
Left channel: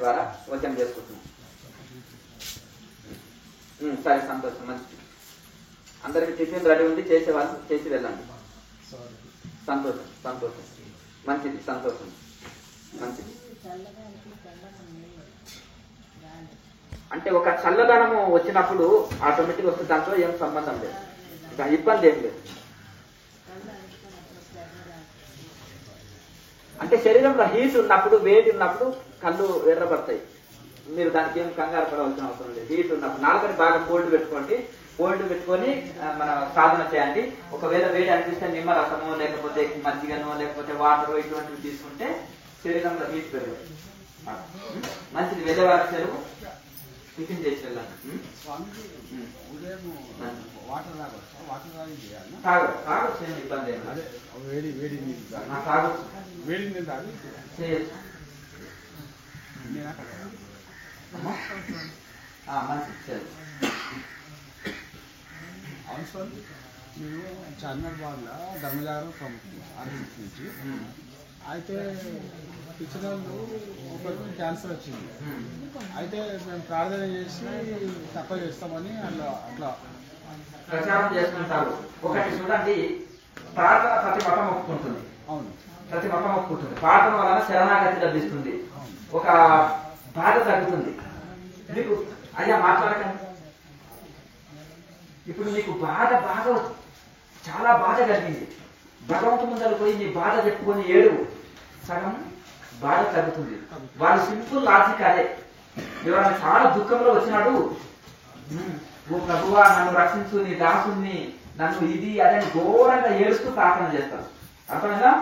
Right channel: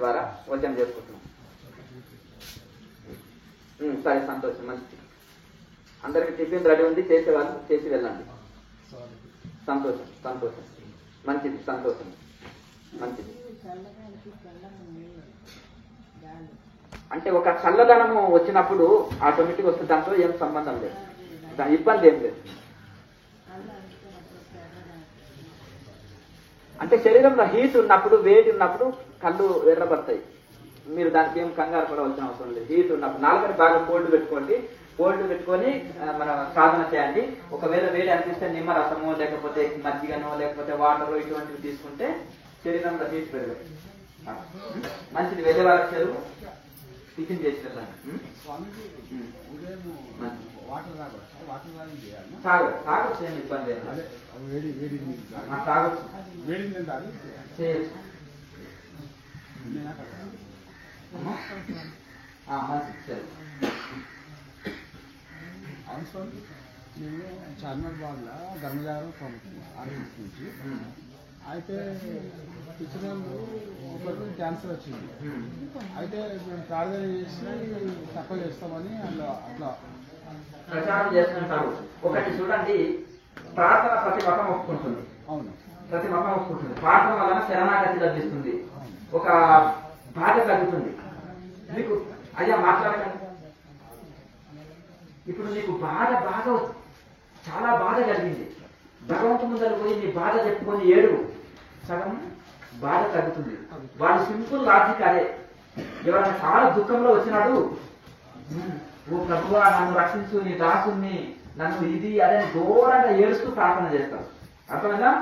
ద్వారా వశం చేసుకుంటున్నాం. సరే, సంతోషం. మంచిది. అందరికి టిఫిన్ రెడీ ఉంది, చేసేవాళ్ళు చేసి వెళ్ళండి. సంతోషం. మంచిది, సంతోషం. మంచిది. అంటే ఒక చల్లదనము వచ్చినప్పుడు ఆటోమేటిక్ వస్తే దాంట్లో ఏం సంబంధం లేదు, దాని ఇబ్బంది ఏం లేదు. అంటే శరీరంలో హీట్ ఉన్నప్పుడు, వేడి ఉన్నప్పుడు కళ్ళు ఎర్రబడతాయి. మీరు దానికి ఏం కంగారు పడవలసిన అవసరం లేదు. హీట్ ఉన్నప్పుడు నాలుగని బాగా కోల్డ్ పెట్టుకొని మన సాధన చేయండి. ఒకవేళ వేడి అనిపిస్తే నిమ్మరసము, లేకపోతే మజ్జిగను, లేకపోతే వాటర్ ఇటువంటివి తీసుకుంటే శరీరంలో హీట్ పెరగదు. మంచిది. వెళ్ళేవారు సేపు టిఫిన్ చేసి వెళ్ళండి. తాగొచ్చు, ఏం ఇబ్బంది తాగొచ్చు. అవును సార్, నేను చార్మినార్ బాగ్లో ధర్మజాగరణ ప్రముఖులు ఆర్ఎస్ఎస్ నుంచి. అయితే ఇచ్చిన ఒకరికి క్యాన్సర్ వచ్చింది. అయితే మేము ప్రార్థన చేసి తక్కువ చేస్తామని అట్లా ప్రచారం చేసుకుంటారు. ఒకటి చూడండి, ప్రార్థన ప్రతి మతం ఒప్పుకుంటుంది. అవును, ప్రతి మతం ఒప్పుకుంటుంది. ప్రార్థన వలన శరణాగతి లభిస్తుంది, ఒక బాధ తగ్గుతుంది. మీకు అయ్యా మాట్లాడకండి. ఇప్పుడు నీకు బాగా చాలా బాధ కలిగింది. భగవంతు ముందర పోయి నీ బాధ చెప్పుకొని ఏడు, సగం బాధ తగ్గుతుంది. వాళ్ళు సింపుల్ లాజిక్ అదే. ఎవరైనా చాలా దుఃఖంలో వచ్చినాడు, ఓ ప్రభువా నన్ను రక్షించు, నీ దాసుని, నన్ను ఇది అదే ఘోరంగా ఏడుస్తూ ప్రార్థన చేస్తారు. అర్థమైందా?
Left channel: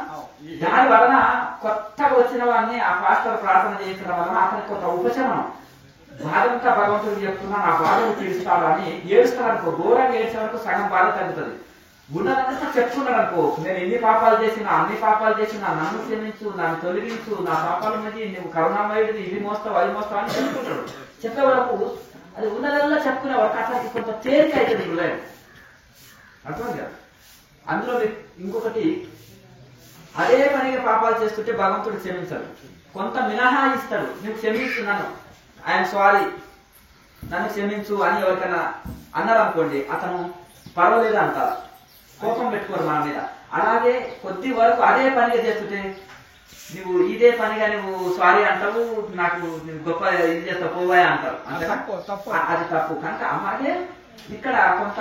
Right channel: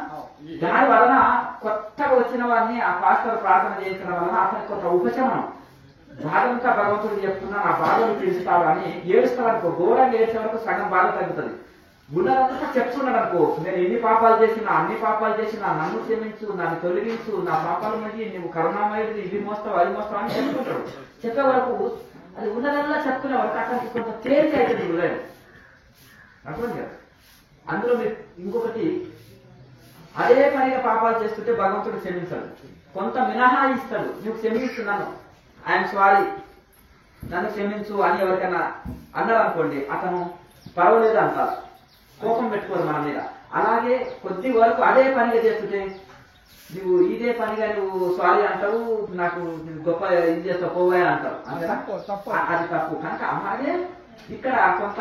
దాని వలన కొత్తగా వచ్చిన వాడిని ఆ పాస్టర్ ప్రార్థన చేసడం వలన అతనికి కొంత ఉపశమనం. బాధంతా భగవంతుడు చెప్తున్నా నా బాధలు తీరుస్తాడు అని ఏడుస్తాడనుకో, ఘోరంగా ఏడ్చే వరకు సగం బాధ తగ్గుతుంది. ఉన్నదంతా చెప్పుకున్నాడు అనుకో, నేను ఎన్ని పాపాలు చేసినా, అన్ని పాపాలు చేసినా, నన్ను క్షమించు, నన్ను తొలగించు, నా పాపాల మధ్య నువ్వు కరుణామయుడిని, ఇవి మోస్తావు అది మోస్తావు అని చెప్పుకుంటాడు. చెప్పే వరకు అది ఉన్నదల్లా చెప్పుకునే వరకు అతనికి కొంత తేలిక అవుతుంది హృదయం. అర్థం కదా? అందులో మీకు ఇంకొకటి, అదే పనిగా పాపాలు చేస్తుంటే భగవంతుడు క్షమించాడు, కొంత మినహాయిస్తాడు. నువ్వు క్షమిస్తున్నాను, ఐఎమ్ సారీ, నన్ను క్షమించు అని ఎవరికైనా అన్నారు అనుకోండి, అతను పర్వాలేదు అంటారు, కోపం పెట్టుకోరు మన మీద. అలాగే కొద్ది వరకు అదే పనిగా చేస్తుంటే నువ్వు ఇదే పనిగా నువ్వు సారీ అంటావు, నాకు గొప్ప ఇది చేస్తావు పోవాయి అంటావు. అది తప్పు. కనుక అలాగే ఇక్కడ కొంత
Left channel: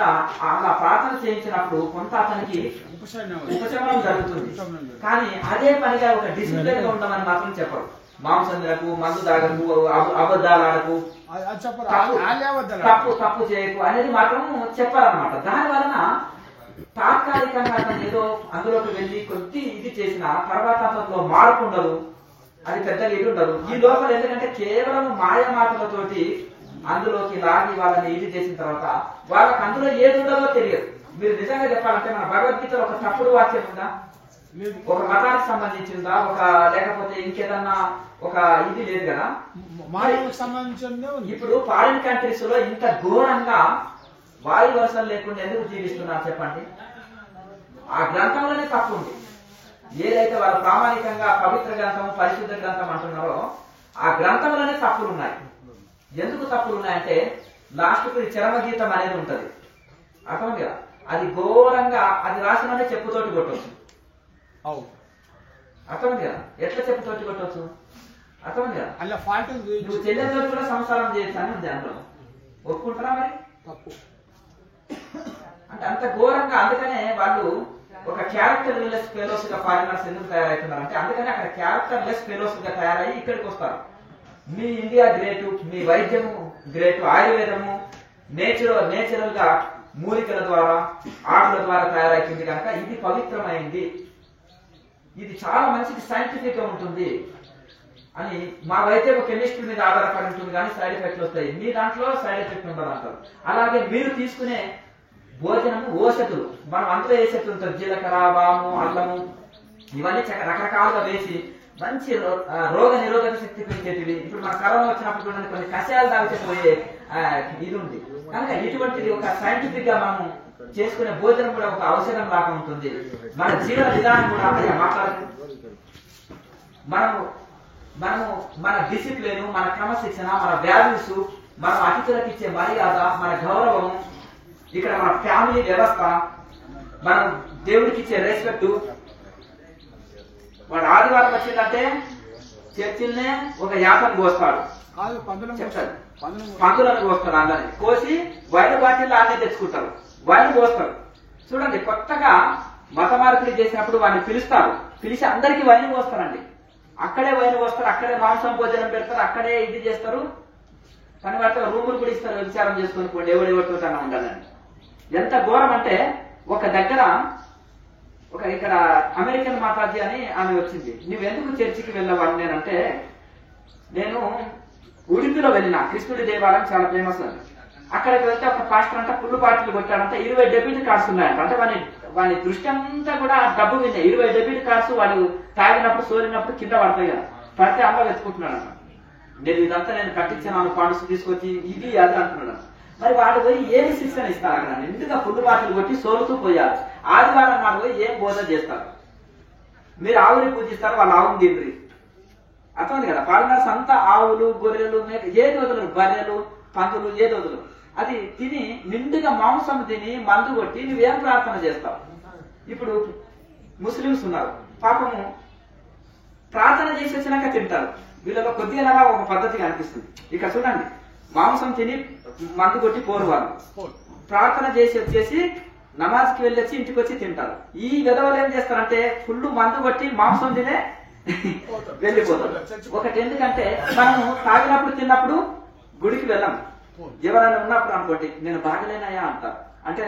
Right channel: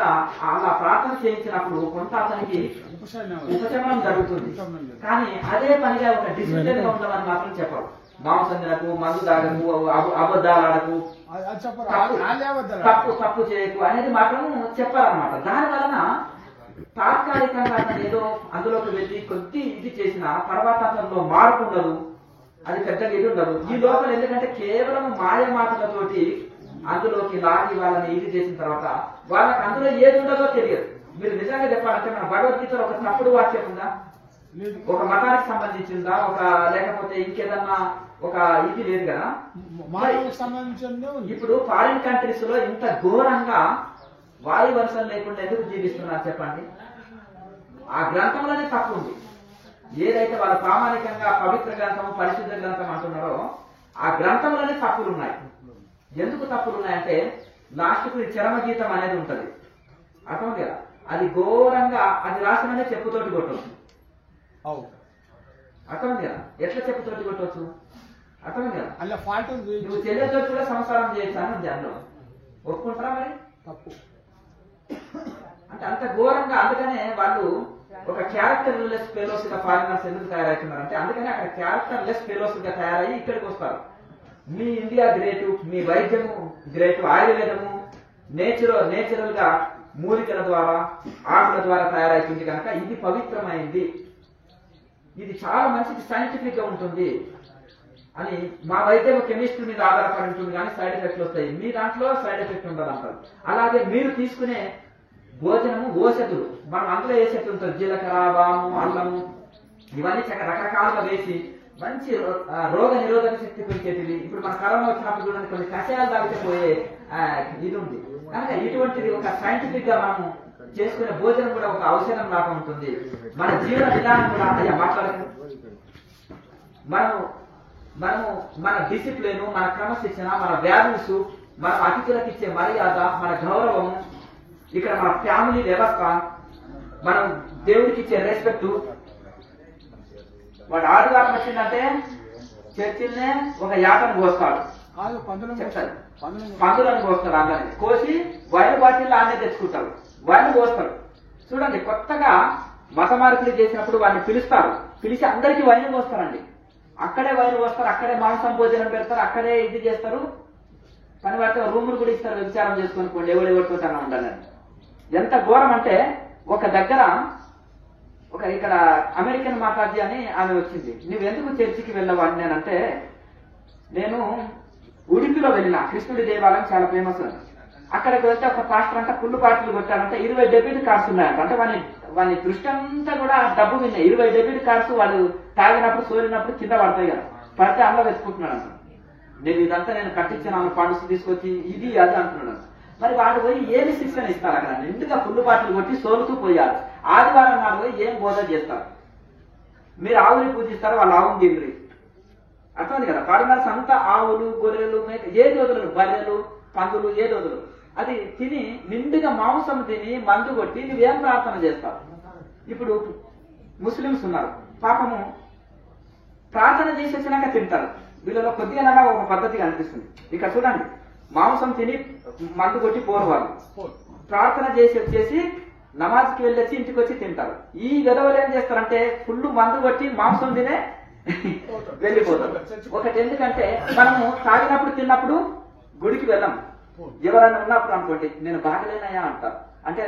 అలా ప్రార్థన చేయించినప్పుడు కొంత అతనికి ఉపశమనం జరుగుతుంది. కానీ అదే పనిగా ఒక డిసిప్లిన్ గా ఉండమని మాత్రం చెప్పరు. మాంసములకు, మందు దాగకు, అబద్ధాలకు, తప్పు చేయకు అనేది మాత్రం చెప్పారనమాట. దాని వలన తాత్కాలికంగా ఏదో అందులోకి వెళ్ళి కొద్ది ఇది చేసిన తర్వాత అతనిలో మార్పు ఉండదు, అది పెద్దగా ఇది ఉండదు. ఈ లోపల ఎందుకంటే కేవలం మాయ మాటలతోటి అందులోకి లాగి వాళ్ళని ఇది చేసిన తర్వాత వాళ్ళకి అందులో ఏది ఉండదో తెలియదు. మీరు నిజంగా చెప్పాలంటే మన భగవద్గీతలో ఒక తప్పుడు వాక్యం ఉందా, ఒక మతానికి సంబంధించిందా, ఒక లేకపోతే ఇంకేదన్నా ఒక ఇది లేదు కదా. ఇప్పుడు ఫారిన్ కంట్రీస్ లో ఇంత ఘోరంగా వాయు వర్షం లేకుండా ఎందుకు జీవిస్తున్నారు చెప్పండి? ఆ గ్రంథంలోనే తప్పు ఉంది. ఏదైతే వాళ్ళు ప్రామాణికంగా పవిత్ర గ్రంథం, పరిశుద్ధ గ్రంథం అంటున్నారో ఆ గ్రంథంలోనే తప్పులు ఉన్నాయి. ఎందుకు తప్పులు ఉన్నాయంటే లాస్ట్ కు చరమగీతం అనేది ఉంటది, అర్థం కదా. అది ఘోరంగా అది రాసిననే చెప్పుతోటి కొట్టవచ్చు, అర్థం కదా. ఎట్లా చెప్పుతోటి కొట్టవచ్చు, అర్థం కదా. నువ్వు చెల్లెతో కూడా సంసారం చేయొచ్చు అని ఉంది అందులో. ఒప్పుకుంటారా మరి? తప్పు అంటే అంత ఘోరంగా. అందుకనే వాళ్ళు ఒక క్యారెక్టర్ లెస్ ఫెలోస్ గా ఫారినర్స్ ఎందుకు తయారవుతున్నారు అంటే అందుకనే అక్కడ క్యారెక్టర్ లెస్ ఫెలోస్ గా తయారయ్యి ఇక్కడికి వస్తారు. మీ ఇండియా గ్రేటు, మీ వైద్యము గ్రేటు, ఆయుర్వేదము నేచురల్ గా మూలికల ద్వారా ఆటల ద్వారా తయారైతుంది కనుక ఇది పవిత్రమైంది, ఇది చాలా మంచిది, సైంటిఫిక్ గా ఉంటుంది అని. మా వైద్యం కెమిస్ట్రీ మీద ఆధారపడి ఉంటుంది కానీ సైడ్ ఎఫెక్ట్లు వస్తాయి, మీ దాంట్లో సైడ్ ఎఫెక్ట్ ఉండదు అంటారు. అలాగే మీరు తీసుకునే భోజనము ఓషధులు, మనం అందులో వేసేది ఉంటుంది, జీలకర్ర, వాము, అల్లము, ఇవన్నీ రకరకాలుగా వేసి మంచి రోగ నిరోధక శక్తి పెంచేటివి. ఇప్పుడు మన కరోనా వచ్చినప్పుడు కూడా కొన్ని కషాయాలు తాగిపోయే ఇది ఉంది కనుక ఇటువంటిది ఒక సైంటిఫిక్ గా మనం చేసుకునే భోజనం కూడా ఒక ఔషధం లాగా ఉంటుంది. మన జీవన విధానం కూడా మాట్లాడుతూ మన డిసిప్లిన్, మన క్రమశిక్షణ, మన వాల్యూస్, మన అతిథులకు ఇచ్చే మర్యాద, మన గౌరవము, ఇక్కడ మన ఫ్యామిలీ వ్యవస్థ, మనం దేవుడికి ఇచ్చే రెస్పెక్ట్. వాడు ఆదివారం వచ్చిందంటే చర్చిల్నే ఒక యాపను కోస్తాడు, పందులను కోస్తాడు, అందరినీ కోసి వైన్ బాటిల్ ఆనే తెచ్చుకుంటారు, వైన్ కోస్తారు. చూడండి, కొత్తగా మత మార్పిడి చేసినప్పుడు వాడిని పిలుస్తారు, పిలిచి అందరికీ వైన్ కోస్తారండి. అక్కడే వైన్ కోస్తారు, అక్కడే మాంసం భోజనం పెడతారు, అక్కడే ఇది చేస్తారు. పని పడితే రూములు కూడా ఇస్తారు, విచారం చేసుకుని ఎవడెవరితో ఉండాలని. ఎంత ఘోరం అంటే ఒక దగ్గర ఇక్కడ అమెరికన్ మాతాజీ అని ఆమె వచ్చింది. నువ్వెందుకు చర్చికి వెళ్ళవు అని నేనంటే, నేను ఉడిపిలో వెళ్ళిన కృష్ణుడి దేవాలయం చాలా ఫేమస్. అక్కడికి వెళ్తే ఒక పాస్టర్ అంటే ఫుల్ పార్టీలు కొట్టాడంటే 20 డెబిట్ కార్డ్స్ ఉన్నాయంట. అంటే వాని దృష్టి అంతా కూడా డబ్బు మీద 20 డెబిట్ కార్డ్స్ వాడు తాగినప్పుడు సోరినప్పుడు కింద పడతాయి కదా, పడితే అందులో వెతుకుంటున్నాడు. నేను ఇదంతా నేను కట్టించాను, ఫండ్స్ తీసుకొచ్చి ఇది అది అంటున్నాడు. మరి వాడు పోయి ఏమి శిక్షణ ఇస్తారు అక్కడ? నిండుగా ఫుల్ బాటిల్ కొట్టి సోలుతూ పోయారు. ఆదివారం నాడు పోయి ఏం బోధ చేస్తారు? మీరు ఆవుని పూజిస్తారు, వాళ్ళు ఆవుని తిండ్రి, అర్థమైంది కదా. ఫారినర్స్ అంతా ఆవులు, గొర్రెలు, మేక ఏది వదలరు, బర్రెలు, పందులు ఏది వదలరు. అది తిని నిండుగా మాంసం తిని మందు కొట్టి నువ్వేం ప్రార్థన చేస్తావు? ఇప్పుడు ముస్లిమ్స్ ఉన్నారు, పాపము ప్రార్థన చేసి వచ్చినాక తింటారు. వీళ్ళలో కొద్దిగా ఒక పద్ధతిగా అనిపిస్తుంది. ఇక్కడ చూడండి, మాంసం తిని మందు కొట్టి పోరు వాళ్ళు, ప్రార్థన చేసి వచ్చేసి నమాజ్కి వెళ్ళొచ్చి ఇంటికి వచ్చి తింటారు. ఈ విధవలు ఏం చేస్తారంటే ఫుల్ మందు కొట్టి మాంసం తినే వెళ్ళిపోతారు. ఒకటి ఎందుకంటే మనము తాగినప్పుడు తిన్నప్పుడు గుడికి వెళ్ళాము, ఎవరైనా ఉన్నప్పుడు అనుకోండి నేను బాగలేనయా అంటారు, అంటే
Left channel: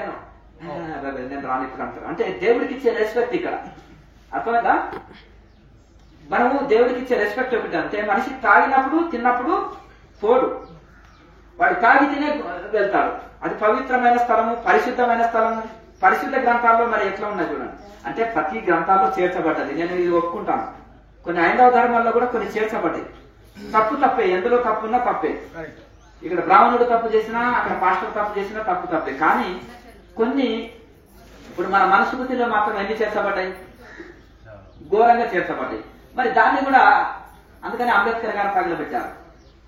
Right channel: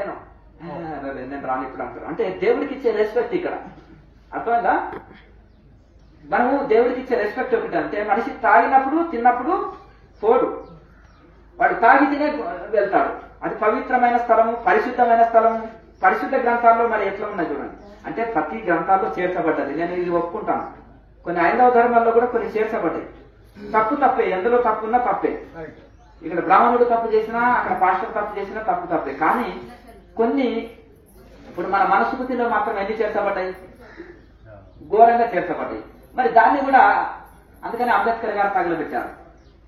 నేను రాను ఇప్పుడు అంటారు. అంటే దేవుడికి ఇచ్చే రెస్పెక్ట్ ఇక్కడ, అర్థమైందా? మనము దేవుడికి ఇచ్చే రెస్పెక్ట్ ఒకటి. అంటే మనిషి తాగినప్పుడు తిన్నప్పుడు పోడు, వాడు తాగి తినే వెళ్తాడు. అది పవిత్రమైన స్థలము, పరిశుద్ధమైన స్థలము. పరిశుద్ధ గ్రంథాల్లో మరి ఎట్లా ఉన్నాయి చూడండి. అంటే ప్రతి గ్రంథాల్లో చేర్చబడ్డది, నేను ఇది ఒప్పుకుంటాను. కొన్ని హైందవ ధర్మాల్లో కూడా కొన్ని చేర్చబడ్డాయి. తప్పే, ఎందులో తప్పు ఉన్నా తప్పే. ఇక్కడ బ్రాహ్మణుడు తప్పు చేసినా, అక్కడ పాస్టర్ తప్పు చేసినా తప్పే. కానీ కొన్ని ఇప్పుడు మన మనస్మృతిలో మాత్రం ఎన్ని చేర్చబడ్డాయి? ఘోరంగా చేర్చబడ్డాయి. మరి దాన్ని కూడా అందుకని అంబేద్కర్ గారు తగలబెట్టారు.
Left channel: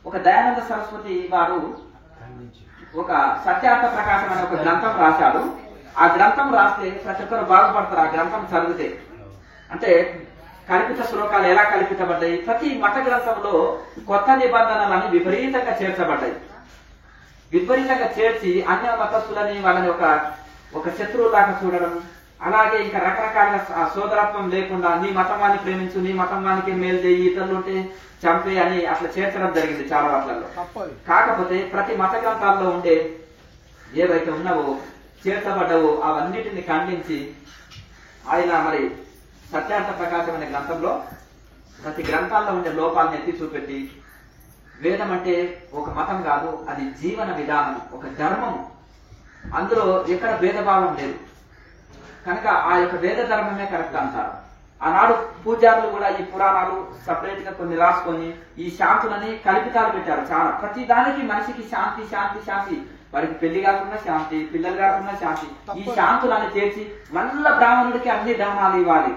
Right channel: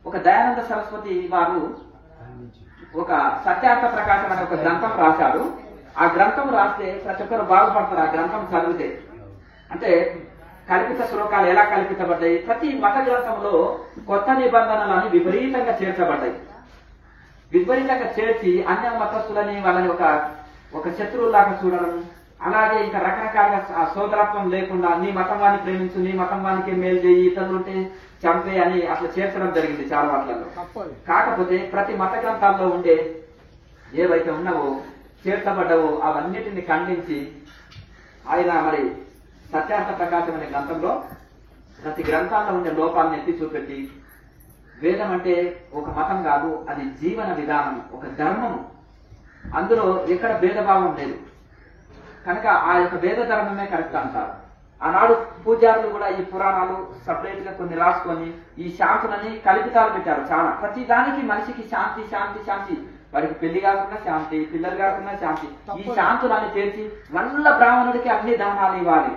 ఒక దయానంద సరస్వతి వారు ఒక సత్యార్థ ప్రకాశం అనే ఒక గ్రంథం రాశాడు. ఆ గ్రంథం రాస్తే ప్రతి ఒక్కరు బాగుపడతారు ఆ గ్రంథం చదివితే. అంటే కల్పిత శ్లోకాలు ఎలా కల్పించబడ్డాయి. ప్రతి మత గ్రంథంలో కొత్త నిబంధనలని విపరీతంగా చేర్చబడ్డాయి. విపరీతంగా చేర్చి అన్య మతస్థులని వాళ్ళని ఒక శత్రువులాగా చూడడం, అలాగే ఇంకా రకరకాల సోదరత్వం లేకుండా నీ మతం వాడిని ప్రేమించు, నీ మతం వానికి మేలు చేయి, ఇతరులు ఉంటే చంపే అని అట్లా చేర్చడం జరిగింది చాలా వాటిలలో. కాకపోతే ప్రతి మత గ్రంథాల్లో ఉండే ఏవైతే ఉన్నావో చేర్చబడ్డావో అవన్నిటిని ఖండించి ఆయన మరి సత్యార్థ ప్రకాశం అనే గ్రంథంలో ప్రతి గ్రంథాల్లో ఉండే లోపాలను ఎత్తి చూపెట్టి వేదం అంటే ఒక మతం కాదు, అది జీవన విధానం, ఒక ధర్మము, అందులో ఎక్కడ భేదభావం లేదు కనుక ఆ యొక్క వేద ధర్మమే కరెక్ట్ అంటారు. ఆనాడు పూజారులు కూడా ఈ పురాణాలు సపరేట్ గా కొన్ని రాసుకొని ఈ శాంతులని కల్పితాలు పెట్టారు చాలా. ప్రతి దానికి మనిషికి శాంతి శాంతి శాంతి, వాడికి పెళ్లి కాకుండా శాంతి, పిల్లలు కాకుండా శాంతి, ఈ శాంతులను చేర్చి వల్ల బ్రాహ్మణుడికి అన్ని దానాలు ఇవ్వాలి.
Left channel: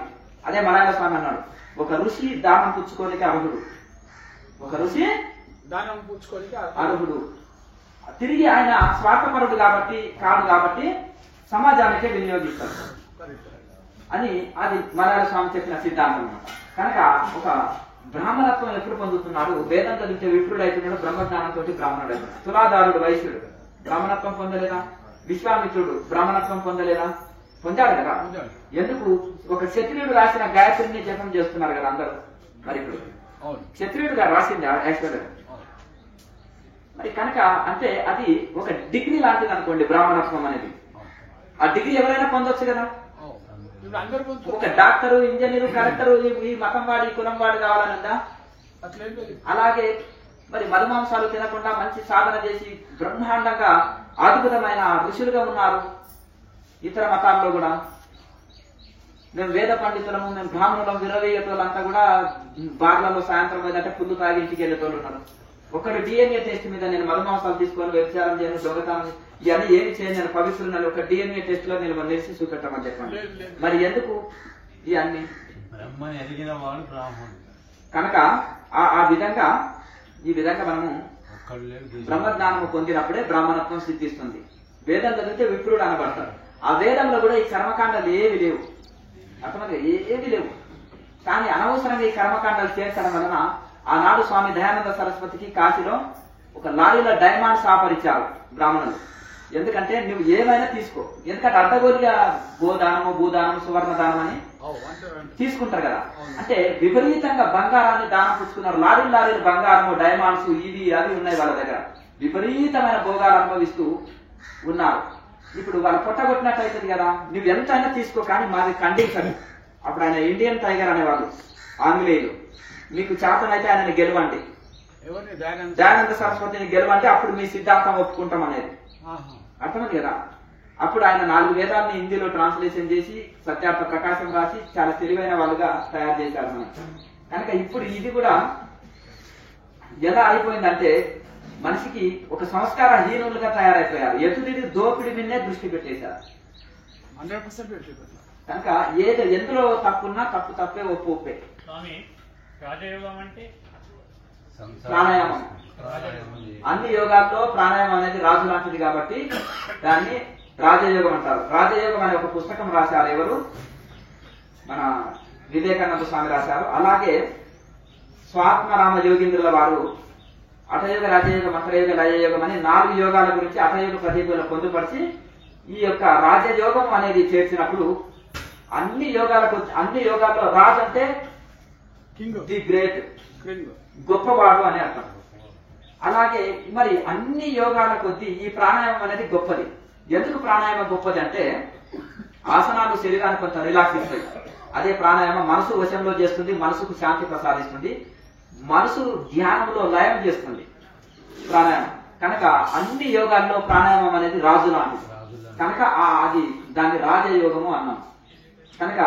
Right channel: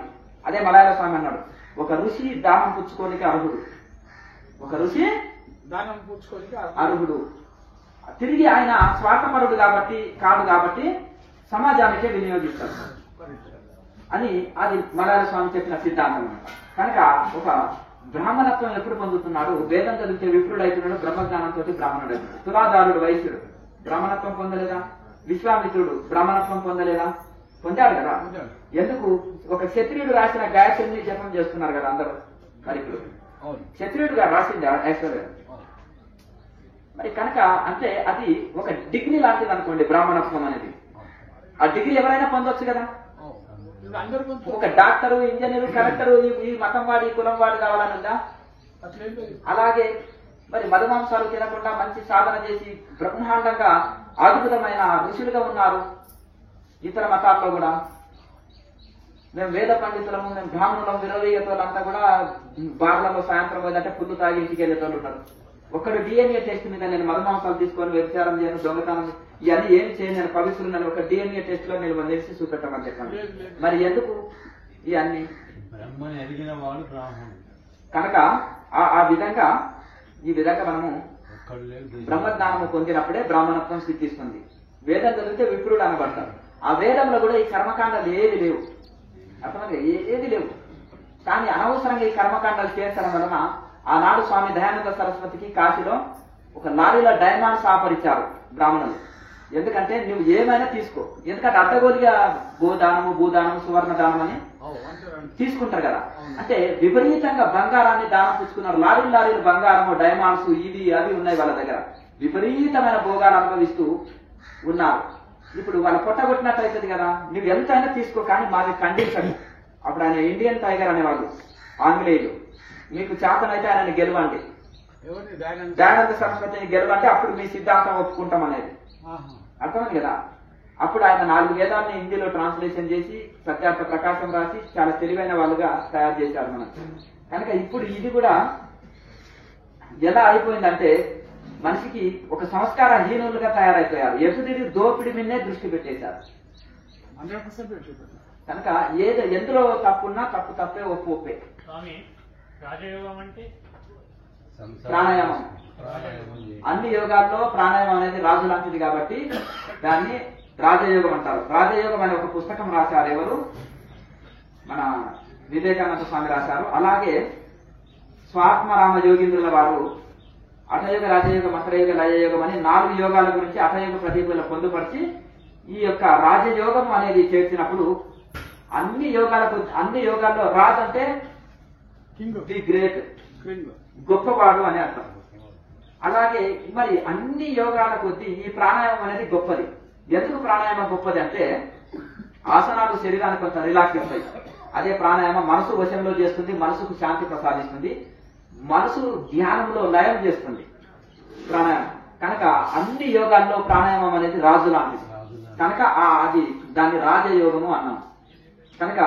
అదే మలయాళ స్వామి అన్నాడు, ఒక ఋషి దానం పుచ్చుకోనికి అర్హుడు, ఒక ఋషి దానం పుచ్చుకోనికి అర్హుడు. తిరిగి ఆయన స్వార్థపరుడు కాదు కాబట్టి సమాజానికే వినియోగిస్తాడు అని అది మలయాళ స్వామి చెప్పిన సిద్ధాంతం అన్నమాట. కనుక ఒక బ్రాహ్మణత్వం ఎప్పుడు పొందుతున్నాడు, వేదం చదివితే విప్రుడు అవుతున్నాడు, బ్రహ్మజ్ఞానంతో బ్రాహ్మణుడు అవుతున్నాడు. తులాదారుడు వైశ్యుడు బ్రాహ్మణత్వం పొందలేదా, విశ్వామిత్రుడు బ్రాహ్మణత్వం పొందలేదా, పొందాడు కదా. ఎందుకు ఒక క్షత్రియుడు రాసిన గాయత్రిని జపం చేస్తున్నారు కదా అందరూ. మరి ఇప్పుడు క్షత్రియుడు గారు రాసింది ఐశ్వర్య మరి కనుక అంటే అది ఒక డిగ్రీ లాంటిది అనుకోండి బ్రాహ్మణత్వం అనేది. ఆ డిగ్రీ ఎవరైనా పొందొచ్చు కదా. ఒక డాక్టరు, ఇంజనీరు, కలెక్టరు ఈ మతం వాడి కులం వాడి కావాలని ఉందా? అలాగే మరి మధుమాంసాలు తినకుండా మంచి సాధన చేసి బ్రహ్మాండంగా అద్భుతమైన ఋషులుగా ఉన్నారు ఇతర మతాల్లో కూడా. మేము వేద పండితులము, మేము బ్రాహ్మణులం, విరవేయటోళ్ళంతా కూడా బార్లలో సాయంత్రం పోయిందంటే పుల్లు తాగి ఇంటికి వెళ్ళేటోళ్ళు ఉన్నారు. ఒకరు డిఎన్ఏ టెస్ట్ మీద నేను మధుమాంసాలు తీసుకొని వ్యభిచారం చేయను, దొంగతనం ఇవన్నీ ఏమి చేయను, నేను పవిత్రులను ఒక డిఎన్ఏ టెస్ట్ లో నేను నిలిచి చూపెట్టమని చెప్పండి. మరి ఎందుకు ఇవన్నీ? కనుక ఈ విధంగా మనము బ్రహ్మజ్ఞానము పొందినప్పుడే బ్రాహ్మణత్వం సిద్ధిస్తుంది. వేదం చదివితే విప్రుడు అనబడతాడు. ఆ వేదంలో కూడా ఈ కర్మకాండాలు ఏవి లేవు, అర్థమైంది, ఏవి లేవు. కానీ అనవసరంగా ఈ కర్మకాండాలు చేర్చడం వలన ఆనాడు స్వామి దయానంద సరస్వతికి కాశీలో ఒక లారీలో డైమండ్స్ ఆపరిచారు బ్రాహ్మణులు. ఎందుకంటే నువ్వు ఏమైనా తీసుకో, ఎందుకంటే అడ్డగోలుగా గోదానము, భూదానము, సువర్ణ దానం అని తీసుకుంటారు కదా. అంటే విపరీతంగా బంగారాన్ని దానం పుచ్చుకున్నారు. లారీలు బంగారము, డైమండ్స్, ఇవి అది ఉన్నాయి వాళ్ళ దగ్గర. విపరీతమైన భోగాలు అనుభవిస్తూ ఉన్నారు. ఇప్పుడు వాళ్ళ పొట్టగొట్టినట్టు అవుతుంది కదా. నువ్వు ఎంతైనా తీసుకో కానీ మాది ఖండించదు. అప్పుడు ఆయన ఇండియన్ టైగర్ అనేవాళ్ళు ఆంగ్లేయులు. మీకు చేతనైతే ఆయనని గెలవండి, దయానంద సరస్వతిని గెలవండి, అప్పుడు మీ సిద్ధాంతం ఒప్పుకుంటాం అనేది అర్థమైంది కదా. అప్పుడు ఆయన 4 వేదాలని హిందీలో ట్రాన్స్లేషన్ చేసి సత్యార్థ ప్రకాశం రాసి చాలా తెలివైన వాళ్ళుగా తయారు చేశారు మనకి. కనుక ఇప్పుడు ఇది కూడా ఎలా అయిపోయిందంటే మనిషికి ఒక సంస్కార హీనులుగా తయారైపోయారు. ఎదుటి దోపిడి మీదనే దృష్టి పెట్టేశారు. 100% కనుక ఎందులో తప్పున్నా తప్పే, ఒప్పే. స్వామి రాజయోగం అంటే ప్రాణాయామం. అన్ని యోగాల్లో ప్రాణాయామం అనేది రాజు లాంటిది కాబట్టి దాన్ని రాజయోగం అంటారు. రాజయోగం అనే ఒక పుస్తకం రాశారు ఎవరు? మన వివేకానంద స్వామి రాశారు. అలాగే స్వాత్మరామ యోగీంద్రుల వారు అటయోగ, రాజయోగ, మంత్రయోగ, లయయోగం అని 4 యోగాల గురించి అటయోగ ప్రదీపంలో పొందుపరిచి ఈ యొక్క రాజయోగం అనేది చేర్చినప్పుడు అన్ని యోగాల్లో రాజు అంటే ది గ్రేట్, గొప్పవాడు అని అర్థం. అలాగే మరి అన్ని యోగాల కొద్దీ ఈ ప్రాణాయామం అనేది గొప్పది. ఎందుకు ప్రాణాయామం గొప్పది అంటే ఆసనాలు శరీరానికి కొంచెం రిలాక్స్ ఇస్తాయి. అదే ప్రాణాయామం మనసు వశంలో చేస్తుంది, మనసుకు శాంతి ప్రసాదిస్తుంది, మనసు ధ్యానంలో లయం చేస్తుంది ప్రాణాయామం. కనుక అన్ని యోగాల్లో ప్రాణాయామం అనేది రాజు లాంటిది. కనుక దాన్ని రాజయోగము అన్నాం. కనుక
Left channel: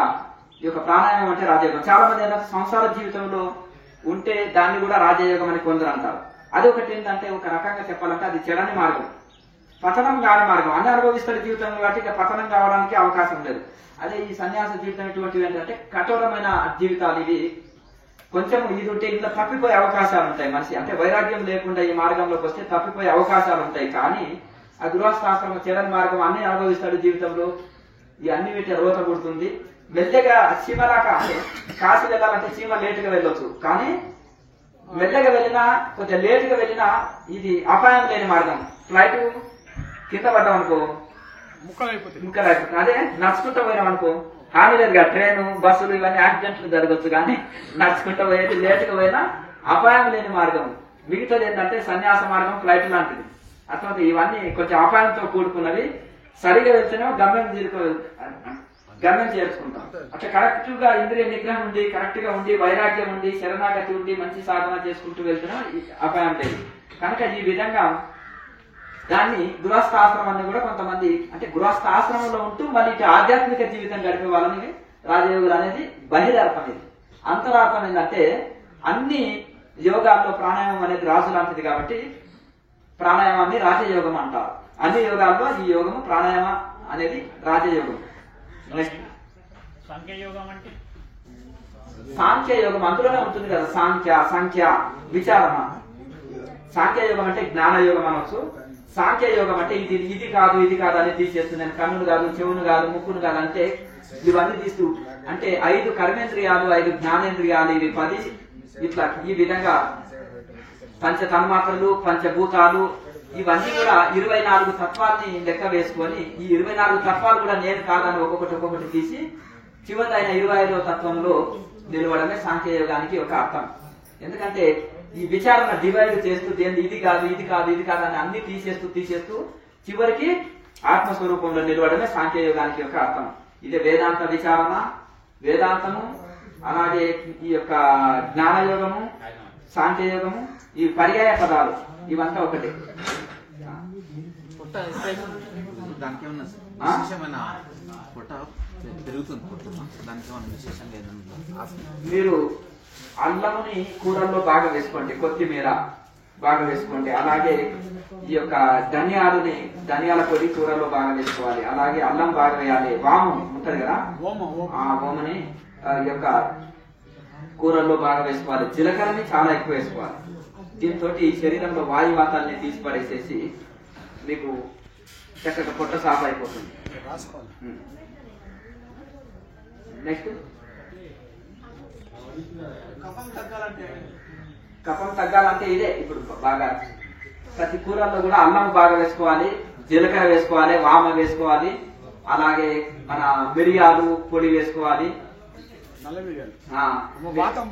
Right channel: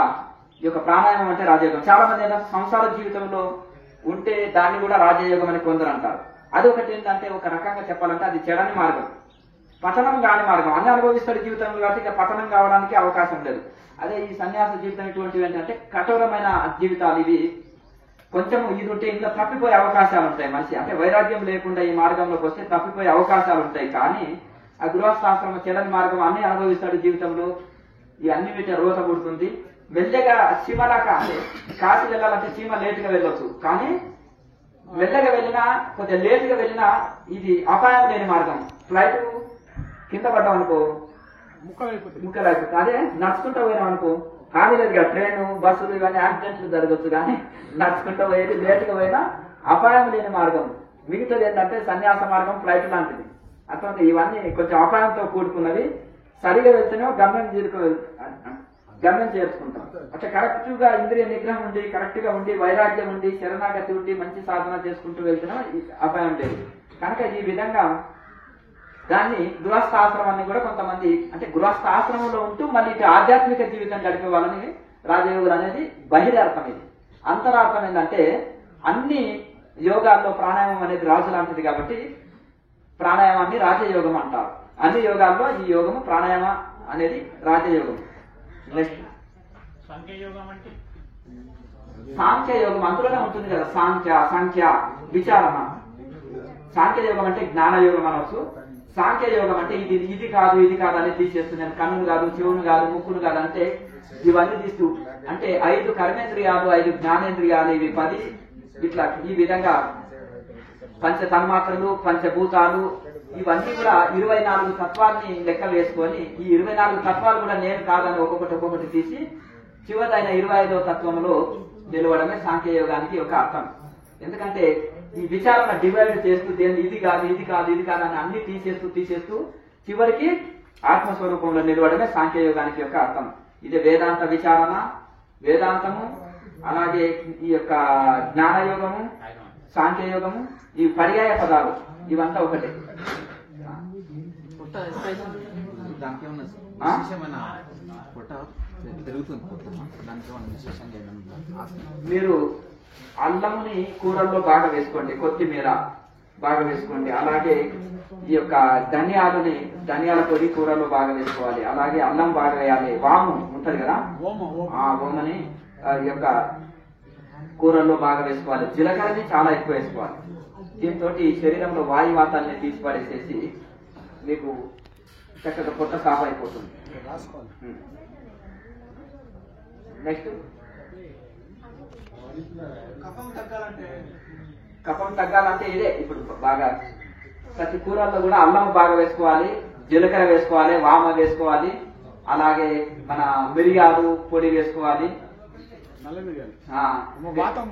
ఈ యొక్క ప్రాణాయామం అంటే రాజయోగం. చాలా మంది ఏంటంటే సంసార జీవితంలో ఉంటే దాన్ని కూడా రాజయోగం అని కొందరు అంటారు. అది ఒకటి ఏంటంటే ఒక రకంగా చెప్పాలంటే అది చెడని మార్గం, పతనం కాని మార్గం. అన్ని అనుభవిస్తాడు జీవితంలో కాబట్టి ఇక పతనం కావడానికి అవకాశం లేదు. అదే ఈ సన్యాస జీవితం ఇటువంటివి ఏంటంటే కఠోరమైన జీవితాలు. ఇవి కొంచెం ఇది ఉంటే ఇంట్లో తప్పిపోయే అవకాశాలు ఉంటాయి. మనిషి అంటే వైరాగ్యం లేకుండా ఈ మార్గంలోకి వస్తే తప్పిపోయే అవకాశాలు ఉంటాయి. కానీ ఆ గృహస్థాశ్రమం చెడని మార్గం అన్ని అనుభవిస్తాడు జీవితంలో, ఈ అన్ని వీటి రోత పుడుతుంది. మెల్లగా చీమలాగా అంటే కాశీ వెళ్ళాలంటే చీమ లేటుగా వెళ్ళొచ్చు, కానీ మెల్లగా వెళ్ళినా కొంచెం లేటుగా వెళ్ళినా ఇది అపాయం లేని మార్గం. ఫ్లైట్ కింద పడ్డాం అనుకో ముక్కలైపోతుంది. అదే నడుచుకుంటూ పోయినాం అనుకో హాని లేదుగా. ట్రైన్ బస్సులు ఇవన్నీ యాక్సిడెంట్లు జరగచ్చు, కానీ నడుచుకుంటూ పోయేది లేటుగా పోయినా అపాయం లేని మార్గం. మిగతాది ఏంటంటే సన్యాస మార్గం ఫ్లైట్ లాంటిది. అటువంటి ఇవన్నీ కొంచెం అపాయంతో కూడుకున్నవి. సరిగా వెళ్తేనే గమ్యం చేర్చుకుంటాం. అట్లా కరెక్ట్ గా ఇంద్రియ నిగ్రహం ఉండి, కరెక్ట్ గా ఉండి, వైరాగ్యం ఉండి, శరణాగతి ఉండి, మంచి సాధన చేసుకుంటూ వెళ్తేనే అపాయం లేదు. కనుక ఈ విధంగా దాన్ని గృహస్థాశ్రమాన్ని కూడా కొంతమంది అంటే గృహస్థాశ్రమంలో ఉంటూ మళ్ళీ ఇటు ఆధ్యాత్మిక జీవితం గడిపే వాళ్ళని రాజయోగులు అనేది బహిరార్థం. ఇది అంతరార్థం ఏంటంటే అన్ని యోగాల్లో ప్రాణాయామం అనేది రాజు లాంటిది కాబట్టి ప్రాణాయామాన్ని రాజయోగం అంటారు. అన్ని యోగాల్లో ఈ యోగము ప్రాణాయామ అనేది రాజయోగం. నెక్స్ట్ సాంఖ్యయోగం అంటే సాంఖ్యయోగం అందులోనే ఉంటుంది కదా. సాంఖ్య విచారణ. సాంఖ్యయోగం అంటే జ్ఞానయోగం అనవచ్చు. సాంఖ్యయోగం అంటే ఇది కాదు ఇది కాదు అనేది తీసేస్తుంది. కన్నును కాదు, చెవును కాదు, ముక్కును కాదు అంటే ఇవన్నీ తీస్తూ అంటే 5 కర్మేంద్రియాలు, 5 జ్ఞానేంద్రియాలు, ఇవి 10 ఇట్లా ఈ విధంగా పంచ తన్మాత్రలు, పంచభూతాలు ఇవన్నీ కూడా 24 తత్వాన్ని లెక్క వేసుకొని ఈ 24 తత్వాలు కూడా నేను కాదని ఒక్కొక్కటి తీసి చివరిదైన 25వ తత్వంలో నిలవడమే సాంఖ్యయోగానికి ఒక అర్థం. ఎందుకంటే ఈ విచారణ డివైడ్ చేస్తూ దేని ఇది కాదు ఇది కాదు ఇది కాదు అని అన్ని తీసేస్తూ చివరికి ఆత్మస్వరూపంలో నిలవడమే సాంఖ్యయోగానికి యొక్క అర్థం. ఇది వేదాంత విచారణ, వేదాంతము, అలాగే ఈ యొక్క జ్ఞానయోగము, సాంఖ్యయోగము, ఈ పర్యాయ పదాలు ఇవంతా ఒకటే. దానికి ఏమన్నా పొట్ట పెరుగుతుంది, దానికి ఏమన్నా విశేషంగా ఏదన్నా మీరు అల్లముని కూరల్లో బాగా వేసుకోండి, కొత్తిమీర బాగా వేసుకోండి. అలాగే ఈ యొక్క ధనియాల పొడి కూరల్లో బాగా వేసుకోవాలి. అలాగే అల్లం బాగా వేయాలి. వాము ఉంటది కదా, ఆ ఓమని ఈ యొక్క కూరల్లో బాగా వేసుకోవాలి. జీలకర్రని చాలా ఎక్కువ వేసుకోవాలి. దీంతో శరీరంలో వాయువాతాన్ని తీసి పడేసేసి మీకు చక్కగా పొట్ట సాఫ్ అయిపోతుంది. నెక్స్ట్ కఫం తగ్గాలంటే ఇదే. ఇప్పుడు బాగా ప్రతి కూరల్లో కూడా అల్లం బాగా వేసుకోవాలి, జీలకర్ర వేసుకోవాలి, వామ వేసుకోవాలి, అలాగే మన మిరియాలు పొడి వేసుకోవాలి. వాతం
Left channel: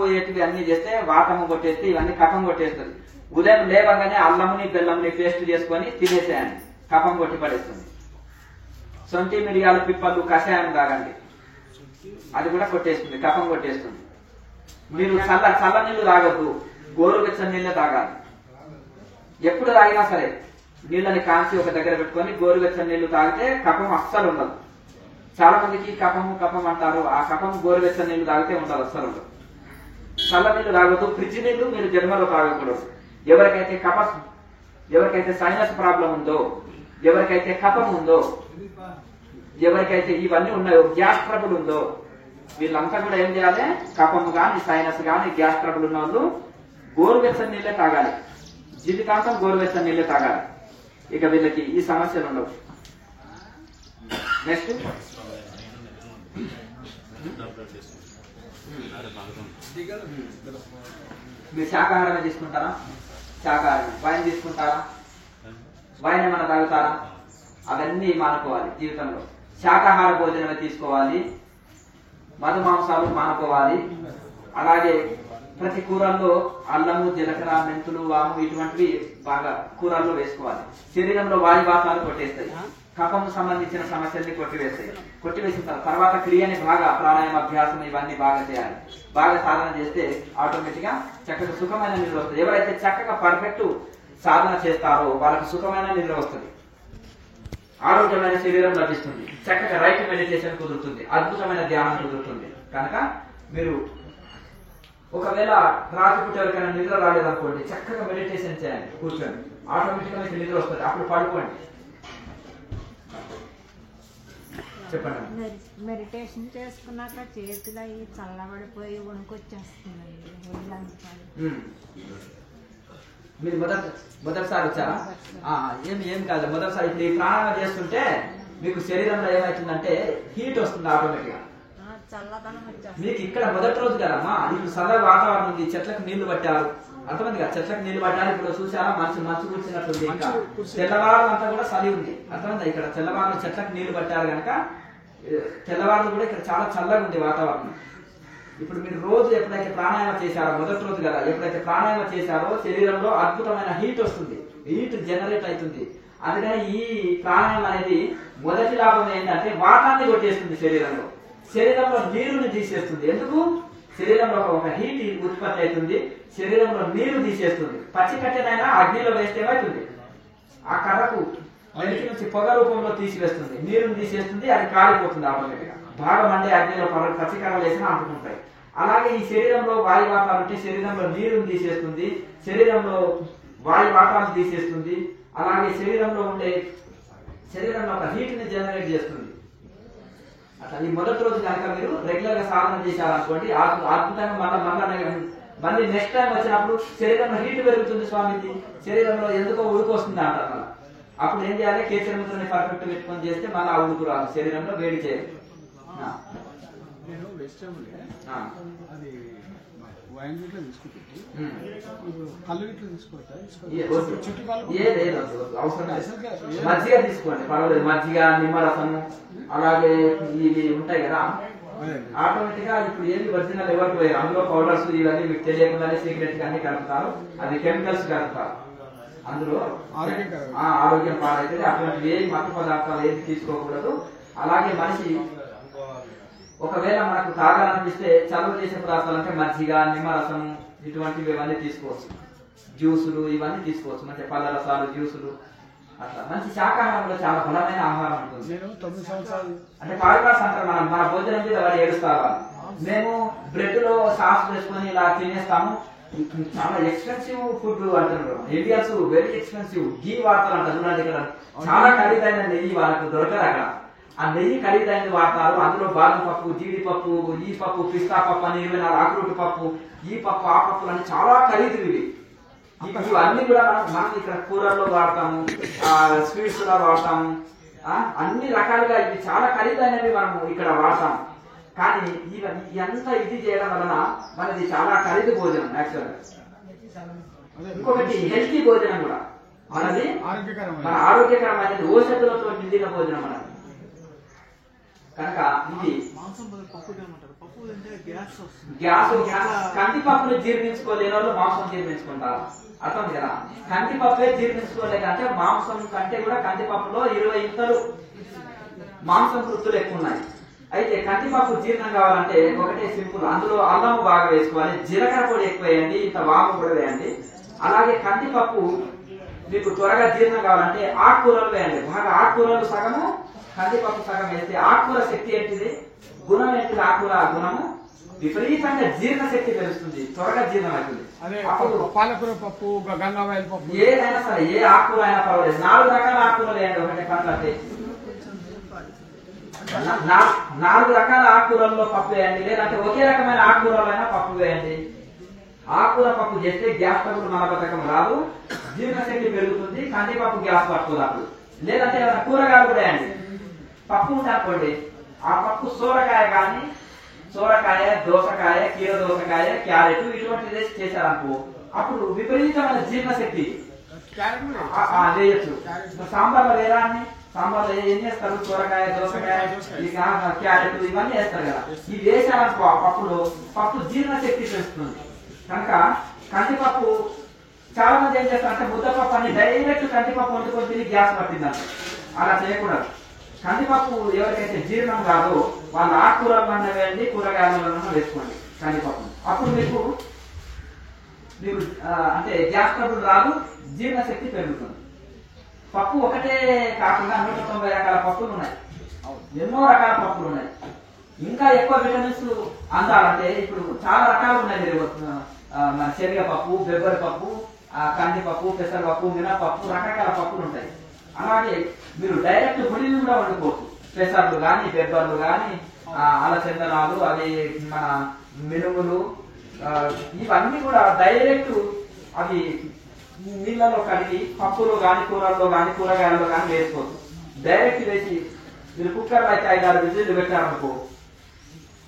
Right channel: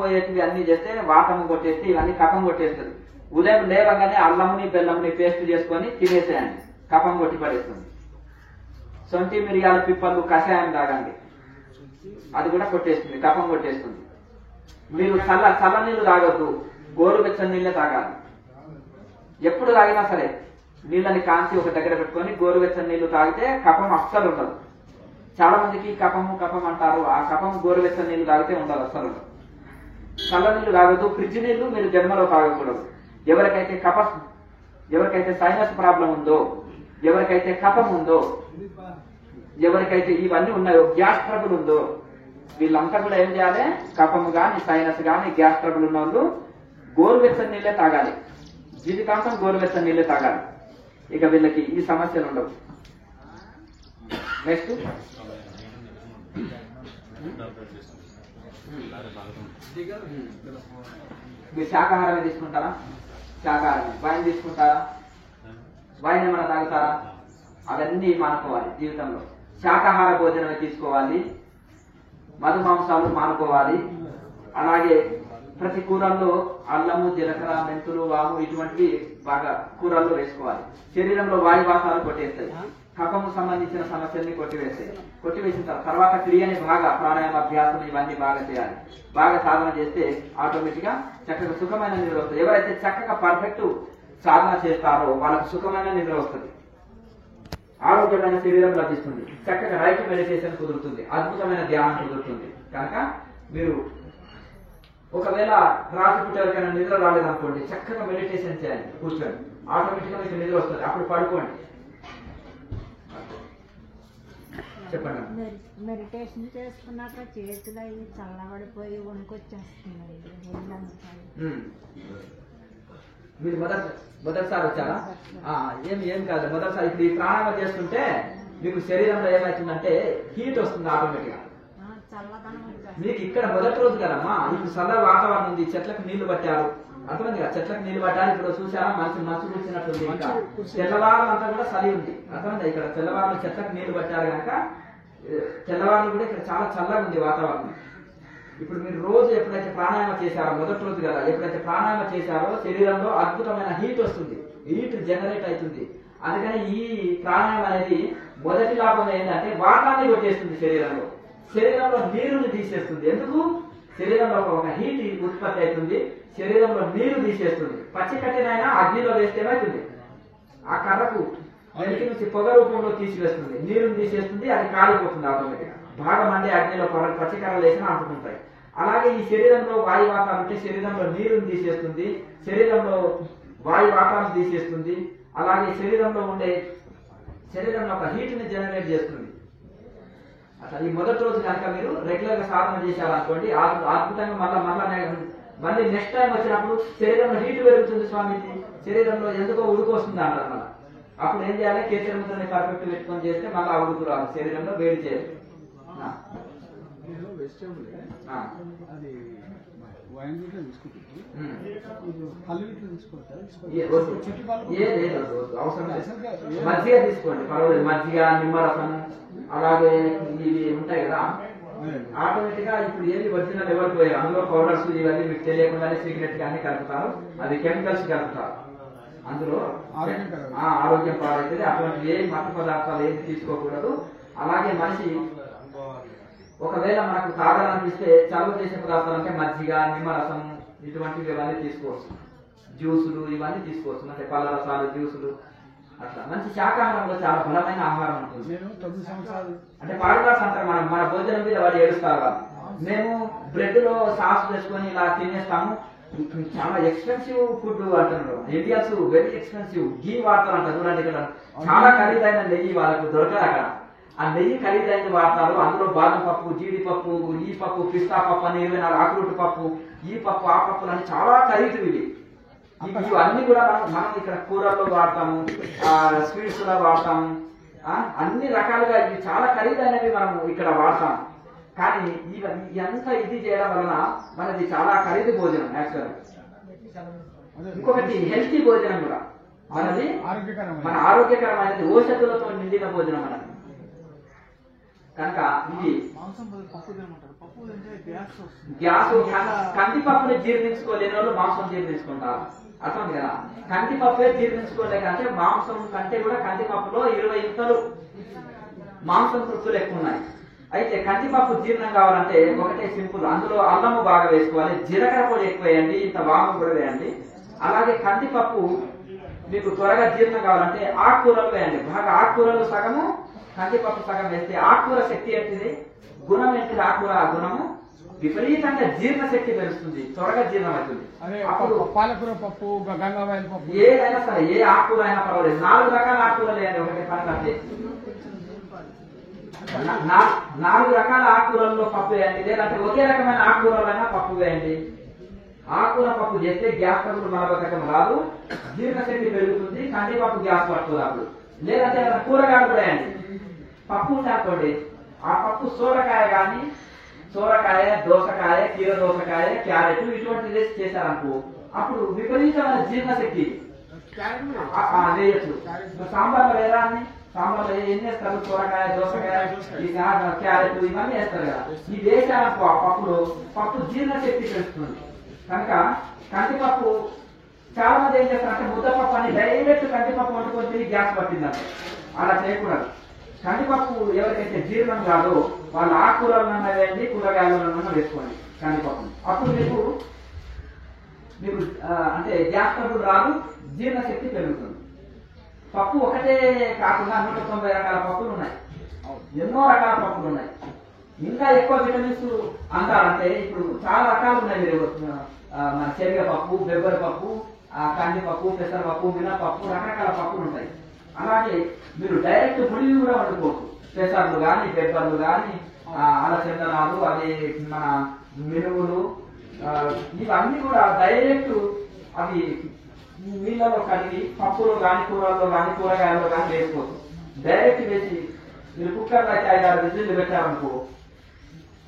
పోయేటివి అన్ని చేస్తే వాతం కొట్టేస్తే ఇవన్నీ కఫం కొట్టేస్తుంది. ఉదయం లేవగానే అల్లముని బెల్లముని పేస్ట్ చేసుకొని తినేసేయండి, కఫం కొట్టి పడేస్తుంది. సొంటి మిరియాల పిప్పలు కషాయం తాగండి, అది కూడా కొట్టేస్తుంది, కఫం కొట్టేస్తుంది. మీరు చల్ల నీళ్లు తాగొద్దు, గోరువెచ్చని నీళ్ళే తాగాలి. ఎప్పుడు తాగినా సరే నీళ్ళని కాంచి ఒక దగ్గర పెట్టుకొని గోరువెచ్చని నీళ్లు తాగితే కఫం అస్సలు ఉండదు. చాలా మందికి కఫం అంటారు. ఆ కఫం గోరువెచ్చని నీళ్లు తాగితే ఉండదు, అస్సలు ఉండదు. చల్ల నీళ్లు తాగొద్దు, ఫ్రిడ్జ్ నీళ్లు మీరు జన్మలో తాగకూడదు. ఎవరికైతే సైనస్ ప్రాబ్లం ఉందో, ఎవరికైతే కఫం ఉందో, ఎవరికైతే ఇవన్నీ ఉన్నాయో, గ్యాస్ ట్రబుల్ ఉందో, వీళ్ళంతా కూడా ఏం చేయాలి? కఫము గాని సైనస్ గాని గ్యాస్ ట్రబుల్ ఉన్న వాళ్ళు గోరువెచ్చని నీళ్ళే తాగాలి, జీవితాంతం గోరువెచ్చని నీళ్ళే తాగాలి. ఇక వీళ్ళకి ఈ సమస్యలు ఉండవు. నెక్స్ట్ మీరు శాకాహారమే తీసుకుంటారా? శాకాహారం. వైన్ తీసుకుంటారా? వైన్ ఏమైనా తాగుతారా? అవన్నీ మానుకోవాలి జీవితంలో. శాకాహార భోజనమే తీసుకోవాలి, మధు మాంసాలు మానుకోవాలి. అలాగే ప్రతి కూరల్లో అల్లము, జీలకర్ర, మెంతులు, వాము ఇటువంటివి బాగా కూరల్లో వేసుకోవాలి. శరీరంలో వాయువాతాలు కొట్టేస్తాయి, కఫము సంబంధించిన సమస్యల్ని కొట్టివేసిన తర్వాత క్రియని బాగా ప్రాణాయామ అభ్యాసం ఇవన్నీ బాగా చేయాలి. బాగా సాధన చేస్తే ఆటోమేటిక్ గా చక్కగా సుఖమైన నిద్ర వస్తుంది. ఎవరైతే చక్కగా పర్ఫెక్ట్ సాధన చేస్తారో వాళ్ళకి సుఖమైన నిద్ర వస్తుంది, ఆరోగ్యమైన శరీరం లభిస్తుంది, చక్కగా రైట్ మెడిటేషన్ కుదురుతుంది, అద్భుతమైన ధ్యానం కుదురుతుంది. కనుక మీరు ఒకవేళ రాత్రిపూట ఎవరికైనా నిద్ర రాలేదనుకోండి, చక్కగా మెడిటేషన్ చేయాలి కూర్చొని, ఆటోమేటిక్ గా మీకు నిద్ర వస్తుంది. అప్పుడు పడుకోండి. చెప్పండి. మెడిటేషన్ చేసుకున్నాక చేతులు అవి చల్లబడిపోయి వణుకొచ్చేస్తున్నాయి ఒళ్ళంతా. మీరు మొదటిసారి వచ్చారా? ఏం కాదు. మొదటిసారి ఇప్పుడు ఈ ప్రాణాయామం చేస్తుంటే మీకు శరీరంలో ఏమవుతుందంటే హీట్ వస్తుంది ఆటోమేటిక్ గా. చల్లదనం వచ్చేస్తుంది. మీకు ఇక్కడ మొదటి రోజు కదమ్మా, ఇప్పుడు చల్లగా వాతావరణం ఉంది, చెట్లకు నీళ్లు పట్టారు, అర్థమైంది కదా, చెట్లకు నీళ్లు పట్టారు. ఇప్పుడు చూసారా మంచు కూర్చున్నట్టుంది, ఇంకా తెల్లవారు అంతా కూడా చలి ఉంది, అర్థమైంది. ఇక్కడ తెల్లవారు చెట్లకు నీళ్లు పట్టారు కనుక తెల్లవారు కూడా ఇక్కడ చాలా చల్లగా ఉంది వాతావరణం. ఇప్పుడు మీరు రోజు ఎప్పుడైతే ప్రాణాయామం చేశారో, మొదటి రోజు కదా, ఎప్పుడైతే ప్రాణాయామం చేశారో శరీరంలో అద్భుతమైన హీట్ వస్తుంది, హీట్ జనరేట్ అవుతుంది. అందుకని ఈ ప్రాణాయామం అనేది మొదటి లాభం ఏంటంటే వాతాన్ని కొట్టేస్తుంది శరీరంలో, శరీరంలో నీరుని తీసేస్తుంది. ఎందుకు? శరీరంలో ఒక హీట్ ఉత్పత్తి అవుతుంది, శరీరంలో నీరు తీసేస్తుంది. పచ్చి కట్టెనైనా అగ్నిలో వేస్తే ఏమవుతుంది, ఆ కర్రకు ఇంటి నుంచి పొగ రూపంలో తీసివేస్తుంది, నీరుని తీసేస్తుంది, అది కాలిపోతుంది ఆటోమేటిక్ గా. బాగా మండే అగ్నిలో పచ్చి కర్రలు వేసినా అంటుకుంటాయి. అలాగే ఈ శరీరంలో వాయు వాతాలు ఉంటే శరీరంలో నీరుని తీసేస్తుంది, శరీరంలో వాయు వాతాలు తీసేస్తుంది. అలాగే శరీరంలో ఒక హీట్ ని జనరేట్ చేస్తుంది. అట్లా ఈ మొదటి రోజు కనుక మీరు రెగ్యులర్ గా సాధన చేశారనుకోండి, అద్భుతంగా మళ్ళీ నెక్స్ట్ టైం వచ్చినప్పుడు శరీరంలో హీట్ పెరుగుతుంది స్వామిజీ, శరీరంలో ఎందుకో ఉడుకు వస్తుంది అంటారు. అప్పుడు ఏం చేయాలి, కేచరంతో పర్ఫెక్ట్ పెట్టుకొని చేస్తే మళ్ళీ ఆ ఉడుకు రాదు, శరీరంలో వేడి చేయాలి. నేను వెజిటేబుల్ అది వైన్ గిట్లా తీసుకుంటే ఇప్పుడు కళ్ళు గిట్లా తీసుకోవచ్చా? మజ్జిగ తీసుకోండి, పర్వాలేదు. మజ్జిగ, నిమ్మరసం, అలాగే ఇవి ఉంటాయి కదా, ఆటోమేటిక్ గా ఇప్పుడు ఏది ఒరిజినల్ ఎవరికి పోయారు, అందులో పౌడర్స్ ఇవన్నీ మీకు తెలియకుండానే సీక్రెట్ గానే కలుపుతారు, అది కెమికల్స్ కలుపుతారు, అందులో ఆరోగ్యం పాడైతుంది. అటువంటి ఏ మత్తు పదార్థాలు ఏది తీసుకోకూడదు. అలాగే మనిషి ఒకవేళ మనకు తాగాలనిపిస్తే చలువ చేసే పదార్థాలు అంటే మజ్జిగ, నిమ్మరసం ఇటువంటివి ఇవన్నీ తీసుకోవచ్చు, జ్యూసులు ఇవన్నీ తీసుకోవచ్చు, అంటే పళ్ళ రసాలు, జ్యూసులు, అట్లా మంచి శాకాహారంలో చాలా బలమైన ఆహారం ఉంటుంది. నేను 9 సంవత్సరాలు అంటే పాడగ్లాస్ అంటారు, మన భోజనం మీద వాడు ఏడుస్తారు. మేము బ్రెడ్ లో సాస్ వేసుకొని ఇలా తినేస్తాము, చాలా ఎక్స్పెన్సివ్ ఫుడ్ అంటారు, ఇండియన్స్ వెరీ ఎక్స్పెన్సివ్ గీ వాడతారు అంటారు. చూడండి ఇక్కడ చాలా ఖరీదైన నెయ్యి వాళ్ళకు దొరకదు అక్కడ, ఆ నెయ్యి ఖరీదైనది వాడతారు. అందులో బాదం పప్పు, జీడిపప్పు, ఈ పప్పు, పిస్తా పప్పు అని 24 ఆకురూటు పప్పు, ఈ పప్పు, ఆ పప్పులు అని చాలా ఖరీదు ఇవి. ఇవన్నీ కూడా మనం ఇక్కడ కూరల్లో వాడతాము, స్వీట్స్ లో వాడతాము, అన్ని రకాలుగా ఇవి చాలా ఖరీదైనవి మనం ఇక్కడ వాడతాము. కానీ ఎంత ఇది చేయడం వలన మనది చాలా ఖరీదు భోజనం. యాక్చువల్గా ఇంకొకటి హెల్తీ భోజనం కూడా మనది, మన ఆరోగ్యకరమైనది, ఔషధులతో నిండిన భోజనం మనది. కనుక ఇది గ్యాస్, కందిపప్పుని జీర్ణించుకోలేని వాళ్ళు మాంసం జీర్ణించుకుంటారు, అర్థం కదా. కందిపప్పే జీర్ణించుకోలేక అంటే మాంసం కంటే కూడా కందిపప్పులో 20 ఇంతలు మాంసం కృతులు ఎక్కువ ఉన్నాయి. అయితే కందిపప్పు జీర్ణం కావాలంటే ఒకటే సింపుల్, అందులో అల్లము బాగా వేసుకోవాలి, జీలకర్ర పొడి ఎక్కువ వేయండి, ఇంత వాము కూడా వేయండి. అలాగే కందిపప్పు మీకు త్వరగా జీర్ణం కావాలంటే ఆకుకూరలు వేయండి, బాగా ఆకుకూరలు సగము, కందిపప్పు సగం వేస్తే ఆకుకూర శక్తి ఏంటిది, గుణం ఏంటిది, ఆకుకూర గుణము విపరీతంగా జీర్ణ శక్తి పెరుగుతుంది, త్వరగా జీర్ణం అవుతుంది. అప్పుడు పాలకూర పప్పు, గంగావాయల పప్పు, ఏదైనా సరే ఏ ఆకుకూర అయినా పర్వాలేదు, 4 రకాల ఆకుకూరలు వేయండి. ఒకటే పనులు 4 రకాల ఆకుకూరల్లో పప్పు వేయండి, లేదంటే ఒకే రకమైన ఆకుకూరలైనా పప్పు వేయండి. ఆకుకూర పప్పు చేస్తే గ్యాస్ ట్రబుల్ మలబద్ధకం రాదు, జీర్ణశక్తి పెరుగుతుంది, కందిపప్పు గ్యాస్ పట్టుకోరాదు. లేదంటే కూరగాయలు కూడా వేయండి. పప్పు ఉంటే ఆ పప్పు సోరకాయ కానీ, సోరకాయ, దోసకాయ, కీర దోసకాయ, క్యారెట్ ఇటువంటిది చేశారనుకో, అప్పుడు విపరీతమైన జీర్ణశక్తి వేయచ్చు. సాంబార్లో వేరా అని, సాంబార్లో ఏం చేస్తారు, సోరకాయ, దోసకాయ, క్యారెట్ ఇవన్నీ వేస్తారు కదా, ఇవి వేసారనుకో ఆ పప్పులో, పప్పు జీర్ణశక్తి పెంచుతుంది. కనుక కందిపప్పు చాలా మంది ఏం చేస్తారంటే ముద్దపప్పు అని డైరెక్ట్ కందిపప్పు వండుకొని తిని గ్యాస్ పట్టిందంట, అలా చేయకూడదు. కందిపప్పు ఎవరికైతే జీర్ణం కాదో వాళ్ళు ఆకుకూరలన్నా వేయండి, కూరగాయలన్నా వేసుకోండి కందిపప్పు. అప్పుడు మీకు అంటే గ్యాస్ ట్రబుల్ రాదు, జీర్ణశక్తి పెరుగుతుంది. పప్పు ఒకటే కాకుండా 190 రకాల పప్పులు ఉన్నాయి, ఎన్నో రకాల పప్పులు ఉన్నాయి. ఇంకా ఎక్కువ విటమిన్స్ అందాలంటే ఇప్పుడు చాలా రకాలు ఉన్నాయి. మీరు మన శనగపప్పు, బెబ్బరి పప్పు, కందిపప్పు, పెసరపప్పు, మినపప్పు, రకరకాల పప్పులు ఉంటాయి. అలాగే మీరు డైరెక్ట్ గుడిని కూడా వండుకోవచ్చు, పెసర్లు కానీ, బెబ్బర్లు కానీ, అలచందనాలు, అవి మన మినుములు, ఇవన్నీ కూడా డైరెక్ట్ అవి నీళ్ళలో కలిగి పప్పులో కానీ, కూరల్లో కానీ, కూరగాయల్లో కానీ వేసుకోవచ్చు. డైరెక్ట్ వేసి మీరు కుక్కర్లో అయితే 5-6 విజిల్లు పెట్టారనుకో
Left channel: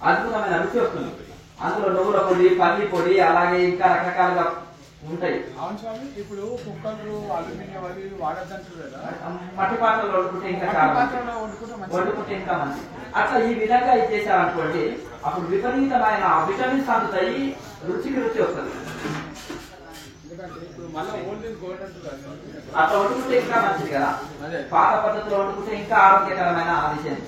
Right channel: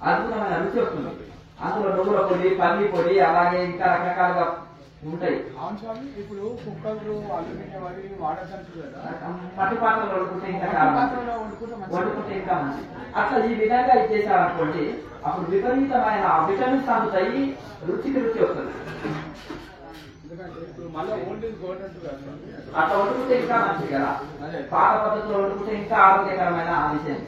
అద్భుతమైన రుచి వస్తుంది. అందులో నువ్వుల పొడి, పల్లి పొడి, అలాగే ఇంకా రకరకాలుగా ఉంటాయి. అవును స్వామి, ఇప్పుడు కుక్కర్లు అల్యూమినియం అది వాడద్దంటారు కదా, మట్టి పాత్రలో వండుకుంటే ఇంకా చాలా వండుకుంటే ఇంకా మంచిది. అట్లా ఈ విధంగా ఇది చేశారనుకోండి, అప్పుడు విపరీతమైన విటమిన్స్ అందుతాయి, రుచికి రుచి వస్తుంది. అట్లా వండుకుంటే ఇంకా మంచిది కదా. పాత పద్ధతిలో వండుకుంటే ఇంకా ఆరోగ్యకరమైన విషయం.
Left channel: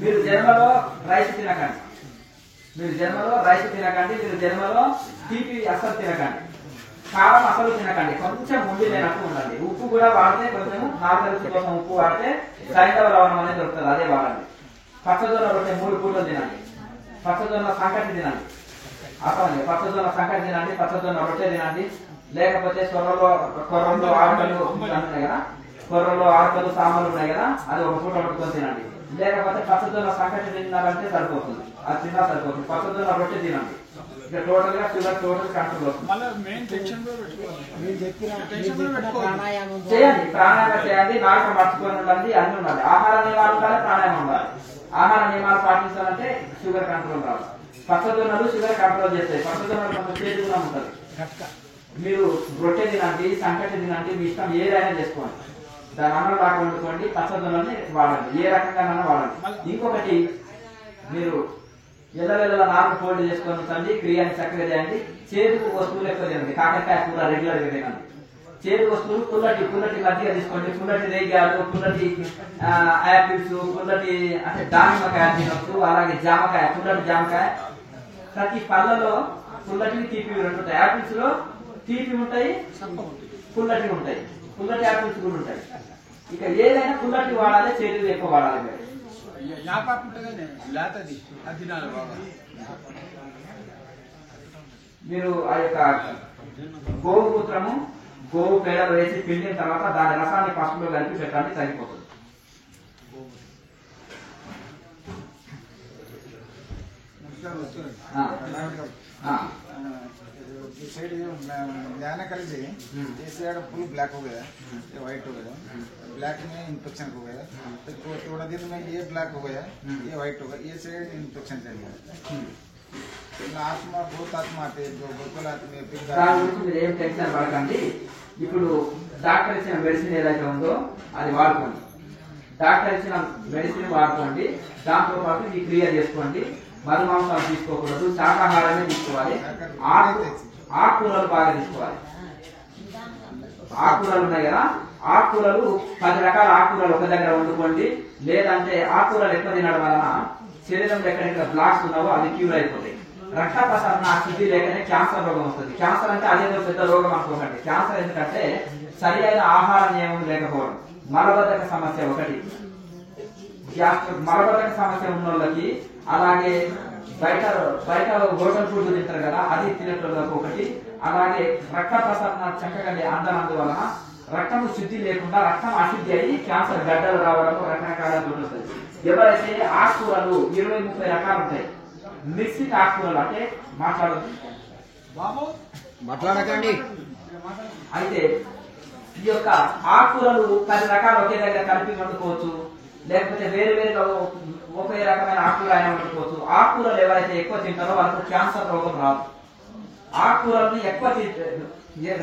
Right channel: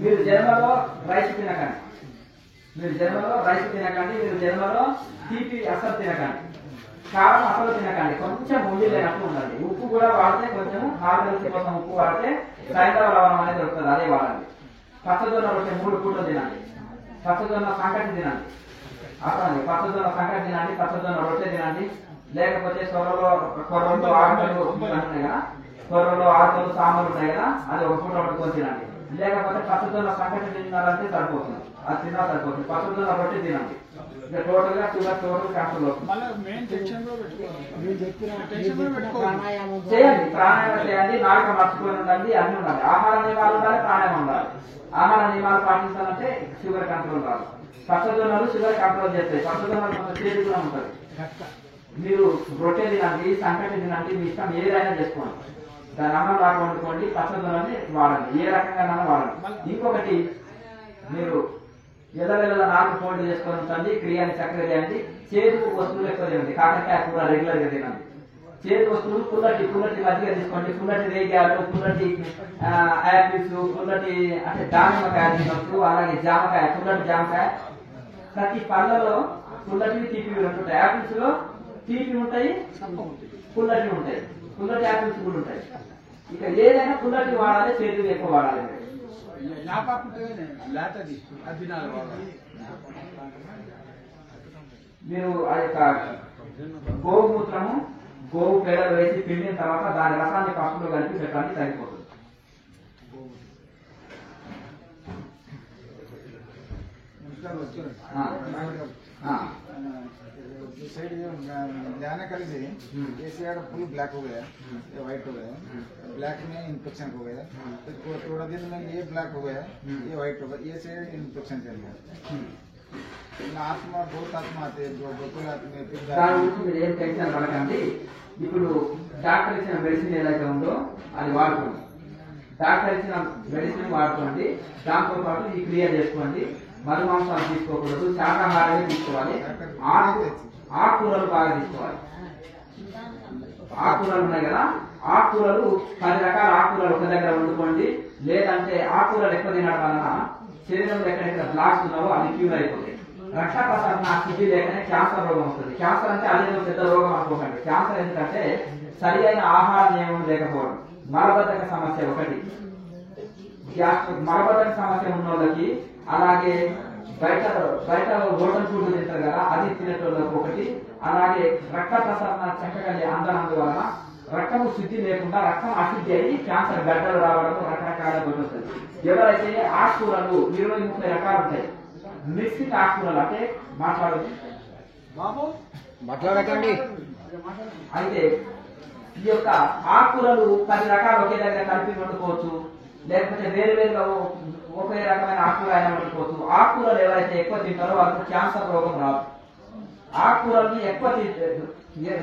మీరు జన్మలో రైస్ తినకండి, మీరు జన్మలో తీపి అసలు తినకండి, కారం అసలు తినకండి, కొంచెం ఉండి లేనట్టు ఉండండి. ఉప్పు కూడా వాడితే కొంచెం నాలుగు రుచి కోసం ఉప్పు వాడితే సైంధవ లవణం అనేది దొరుకుతుంది, అదే వాడండి. పచ్చజొన్న రొట్టె 3 పూటలు తినండి, పచ్చజొన్న సంకటి తినండి, అసలు పచ్చజొన్న సంకటి తినండి, పచ్చజొన్న రొట్టె తినండి. లేకపోతే కొర్రలో ఆరుకలు ఉన్నాయి కదా, కొర్రలో ఆరుకలు సామాన్లు ఉన్నాయి కదా, అది 1 పూట వండుకొని తినండి. లేకపోతే పచ్చజొన్న సంకటి తిన్నారంటే సరిపోతుంది, అది తిన్నా సరిపోతుంది. పచ్చజొన్న రొట్టె తినండి, ఇక టోటల్ గా షుగర్ టోటల్ కంట్రోల్ అవుతుంది. చేయండి, ప్రాణాయామం చేయండి, నాలుక మర్చిపోయి ఉండాలి, అన్ని ఉండాలి. ఆహార నియమాలు ఉండాలి, ప్రాణాయామం ఉండాలి. ఆహార నియమాలు పాటించాలంటే షుగర్ కంట్రోల్ రాదు. పచ్చజొన్నలు షుగర్ కంట్రోల్ చేస్తాయి. పచ్చజొన్నలు కొంత చేదు కూడా ఉంటుంది. మీరు రొట్టె తినండి, సంకటి తినండి, మీ ఇష్టం ఏదైనా చేసుకోండి. దాని అన్నం దాకా వండుకోండి, పచ్చదొన్నని వాడండి, ఏ రకంగానైనా వాడండి. ఇంకొకటి, మీరు ఎల్లవెల్ల 4 ఫోల్డ్ చేసుకొని ఉంచండి, క్రియాన్ని చక్కగా చేయండి. చేదు వస్తువులు ఎక్కువ తినండి, కాకరకాయ కూర రెగ్యులర్ గా తినండి. చేదు వస్తువులు పుల్లటి మజ్జిగ తీసుకోండి, పుల్లటి రేగ్యాలు, పుల్లటి యాపిల్స్, పుల్లటి అంటే దానిమ్మకాయ తినొచ్చు. అలాగే జామకాయ, పుల్లటి జామకాయ. ప్రతి పళ్ళలో పుల్లటివి తీపివి ఉంటాయి. యాపిల్స్ లో తీపి ఉంటాయి, పుల్లటివి ఉంటాయి, పుల్లటి యాపిల్స్ కూడా ఉంటాయి. ఇక ఏదైనా పుల్లటి వాడాలి, చేతులు ఎక్కువ వాడాలి. మీరు ఆ యొక్క గోమూత్రము, గోవు పేడలు వేసి పిండిన తర్వాత దాని రసాన్ని పసుపులో కలిపి పెట్టండి, సరిపోతుంది. साइड जाने का लीजिए, ऐसे अगर फुल ब्लैक हो गया या व्हाइट हो गया, ब्लैक में इन्फेक्शन हो गया, तो थोड़ा दिन में ये ब्लैक हो गया, ये व्हाइट हो गया, ये साइड इन्फेक्शन चल गया. आत्मा बहुत आत्मा आते हैं जो बिल्कुल आते మీరు ఏం టెన్షన్ పడకండి. ఇప్పుడు డాక్టర్ ఇచ్చిన మెడిసిన్ ఏదైతే ఉందో అది వాడుకోండి. డాక్టర్ ఇచ్చిన మెడిసిన్ వాడుకోండి, దాంతో పాటు ఈ క్రియ చేసుకోండి. మధుమాంసాలు తీసుకోకూడదు, శాకాహారమే తీసుకోవాలి. ఆకుకూరలు బాగా తీసుకోవాలి. ఆకుకూరలు ఉన్నాయి కదా, ఆకుకూరలు 10 రకాల ఆకుకూరలు ఒక దగ్గర వండుకోండి. లేదంటే ఆకుకూరలు ఎక్కువ తినడం వలన శరీరంలో ఎక్కడెక్కడ బ్లాక్స్ ఉన్నావో అవి క్యూర్ అయిపోతాయి. రక్త ప్రసరణ శుద్ధి లేకనే క్యాన్సర్ రోగం వస్తుంది. క్యాన్సర్ అంటే అదేదో పెద్ద రోగం అనుకోకండి. క్యాన్సర్ ఎందుకంటే సరి అయిన ఆహార నియమం లేకపోవడం, మలబద్ధక సమస్య ఒకటి, మలబద్ధక సమస్య ఉన్న వాళ్ళకి, అలాగే బయట హోటల్ ఫుడ్ తింటారు కదా అది తినేటోళ్ళకి ఒకటి, అలాగే రక్త ప్రసరణ చక్కగా అందనందువలన రక్తము శుద్ధి లేకుండా రక్తం అశుద్ధి అయ్యి క్యాన్సర్ గడ్డలు రావడం రకరకాల దొరుకుతుంది. ఎవరైతే ఆకుకూరలు 20-30 రకాలు ఉంటాయి, మిక్స్డ్ ఆకుకూరలు అంటే మాట్లాడకండి. అయితే ఈ యొక్క ఆకుకూరలు 10 రకాలు ఒకే దగ్గర కలిపి వండుకోవచ్చు, లేకపోతే వేరువేరుగా ఒకే రకమైన ఆకుకూర అయినా వండుకోవచ్చు. ఆకుకూరలు ఎవరైతే ఎక్కువ తింటారో వాళ్ళకు క్యాన్సర్ రోగం రాదు. ఆకుకూరల్ని ఎక్కువ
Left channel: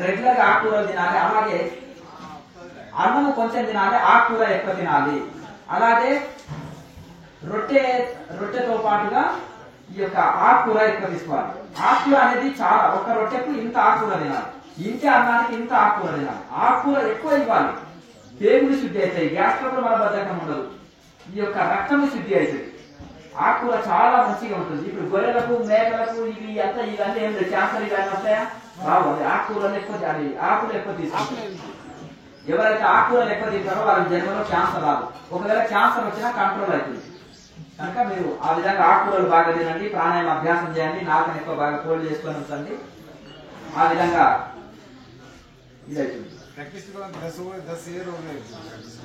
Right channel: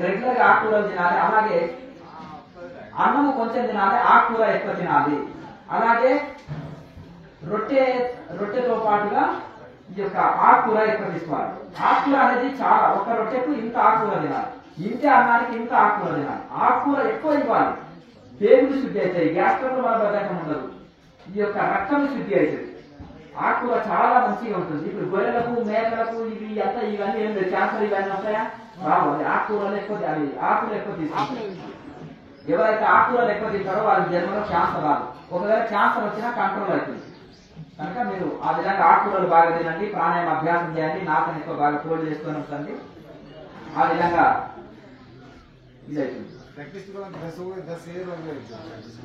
రెగ్యులర్ గా ఆకుకూరలు తినాలి. అలాగే అన్నము కొంచెం తినాలి, ఆకుకూర ఎక్కువ తినాలి. అలాగే రొట్టెతో పాటుగా ఈ యొక్క ఆకుకూర ఎక్కువ తీసుకోవాలి. ఆకుకూర అనేది చాలా, ఒక రొట్టెకు ఇంత ఆకుకూర తినాలి, ఇంత అన్నానికి ఇంత ఆకుకూర తినాలి. ఆకుకూర ఎక్కువ ఇవ్వాలి, పేగులు శుద్ధి అవుతాయి, గ్యాస్ ట్రబుల్ మలబద్ధకం ఉండదు, ఈ యొక్క రక్తం శుద్ధి అవుతుంది. ఆకుకూర చాలా మంచిగా ఉంటుంది. ఇప్పుడు గొర్రెలకు, మేకలకు ఇవన్నీ ఏం లేదు, క్యాన్సర్ ఇవన్నీ వస్తాయా రావాలి. ఆకుకూరలు ఎక్కువ ఆకులు ఎక్కువ తీసుకోవాలి. ఎవరైతే ఆకుకూరలు ఎక్కువ తింటారో వాళ్ళ జన్మలో క్యాన్సర్ రాదు. ఒకవేళ క్యాన్సర్ వచ్చినా కంట్రోల్ అవుతుంది. కనుక మీరు ఆ విధంగా ఆకుకూరలు బాగా తినండి, ప్రాణాయామ అభ్యాసం చేయండి, నాకని ఎక్కువ బాగా ఫోల్డ్ చేసుకొని ఉంచండి. ఆ విధంగా ఇది అవుతుంది.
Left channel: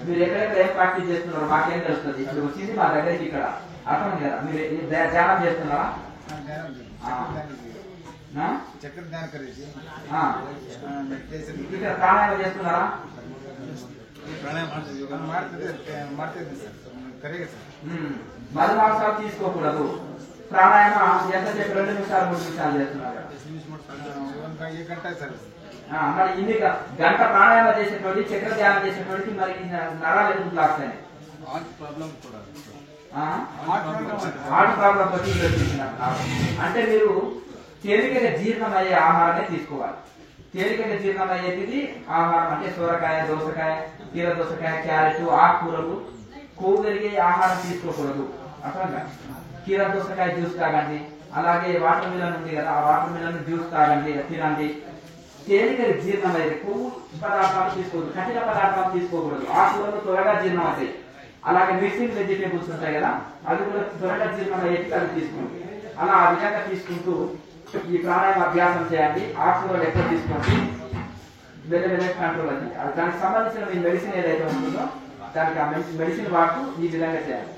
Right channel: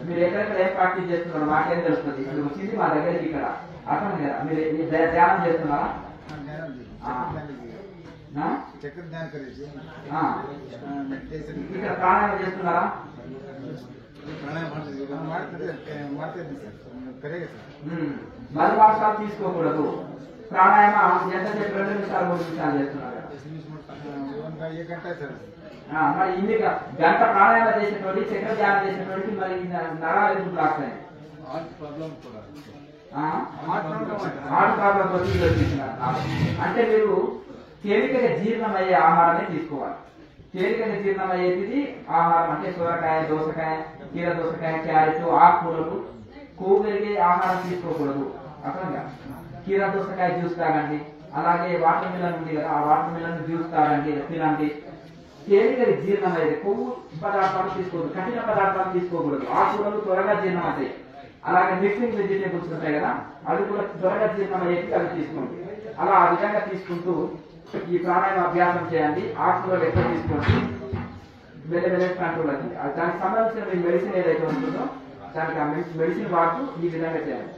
మీరు ఎక్కడెక్కడ ఏం ప్రాక్టీస్ చేస్తున్నారో మాకేం తెలుస్తుంది. ఇప్పుడు వచ్చింది మా దగ్గరికి ఇక్కడ అర్థం కదా. మీరు ధ్యానం చేస్తున్నారా? చక్కెర ధ్యానం కరేసి మెడిటేషన్ ఇక్కడ ప్రాణాయామం చేస్తున్నారా? ಮಾಡ್ತಾ ಸರ್ ಕರೆಗೆ ಸರ್ మధుమాంసాలు తీసుకోకూడదు. ప్రాణాయామం ఎంతసేపు 2 నిమిషాలు 3 నిమిషాలు చేస్తున్నారు? 1 గంట సార్. మరి ఇన్ని గంట ప్రాణాయామం చేసేటోడి చక్ర ధ్యానం చేసేటోడికి మరి నరాలు ఎందుకు బ్లాక్ అయినాయి? హార్ట్ ప్రాబ్లం అంటే మీరు తేలికగా జీర్ణం అయ్యే ఆహారాన్ని తీసుకోవాలి. తేలికగా జీర్ణం అయ్యేది ఆహారం అంటే సొరకాయ, దోసకాయ, కీర దోసకాయ, క్యారెట్, ఆకుకూరలు, కొవ్వు పెరిగే ఆహారం తీసుకోకూడదు. అట్లా కీర దోసకాయ జ్యూస్ తాగండి. అలాగే వాటర్ మిలన్ ఉంది కదా, ఆ వాటర్ మిలన్ జ్యూస్ తాగండి, తినండి. తేలికగా జీర్ణం అయ్యేది కొవ్వు పదార్థాలు తీసుకోకూడదు, కఠిన పదార్థాలు తీసుకోకూడదు. ఆకుకూరలు త్వరగా జీర్ణం అవుతాయి. అలాగే మిక్సింగ్ వెజిటేబుల్స్ ఉంటాయి కదా, అవి కూడా త్వరగా జీర్ణం అయ్యేది, అవి తీసుకోండి. అలా ఆ విధంగా తీసుకుంటూ ఈ ప్రాణాయామ అభ్యాసం చేయండి. ఆకుకూరలు ఎక్కువ తీసుకోండి. మెల్లమెల్ల కంట్రోల్ అవుతుంది. దానికి సంబంధించిన మీ మెడిసిన్ ఏదైతే ఉంటుందో దానికి ఆ మెడిసిన్ వాడుతూ ఈ విధంగా చేయండి.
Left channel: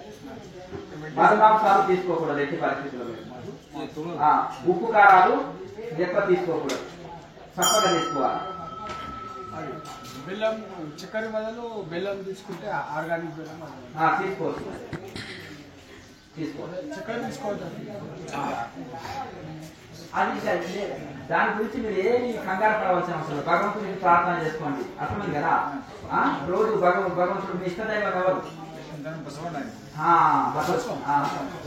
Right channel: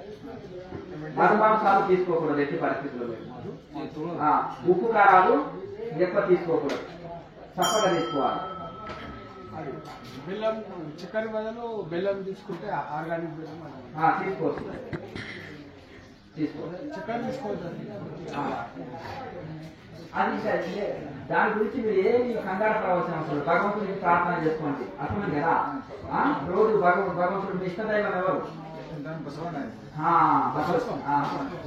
మధుమాంసాలు తీసుకోకూడదు ఎట్టి పరిస్థితుల్లో. ఉప్పు కారాలు ఎక్కువ తీసుకోకూడదు, తప్పగా తీసుకోవాలి. బెల్లం చక్కెర బదులు బెల్లం తీసుకుంటే ఆర్గానిక్ బెల్లం తీసుకోవచ్చు. చక్కెర తీసుకోవచ్చు. అది దాని గురించి మీరు ఏమి కంగారు పడవలసిన అవసరం. భగవంతుడికి ప్రార్థన చేసుకోండి. అర్థమైంది కదా. రోజు భగవంతుడు మీ ఇష్టదైవం ఎవరు?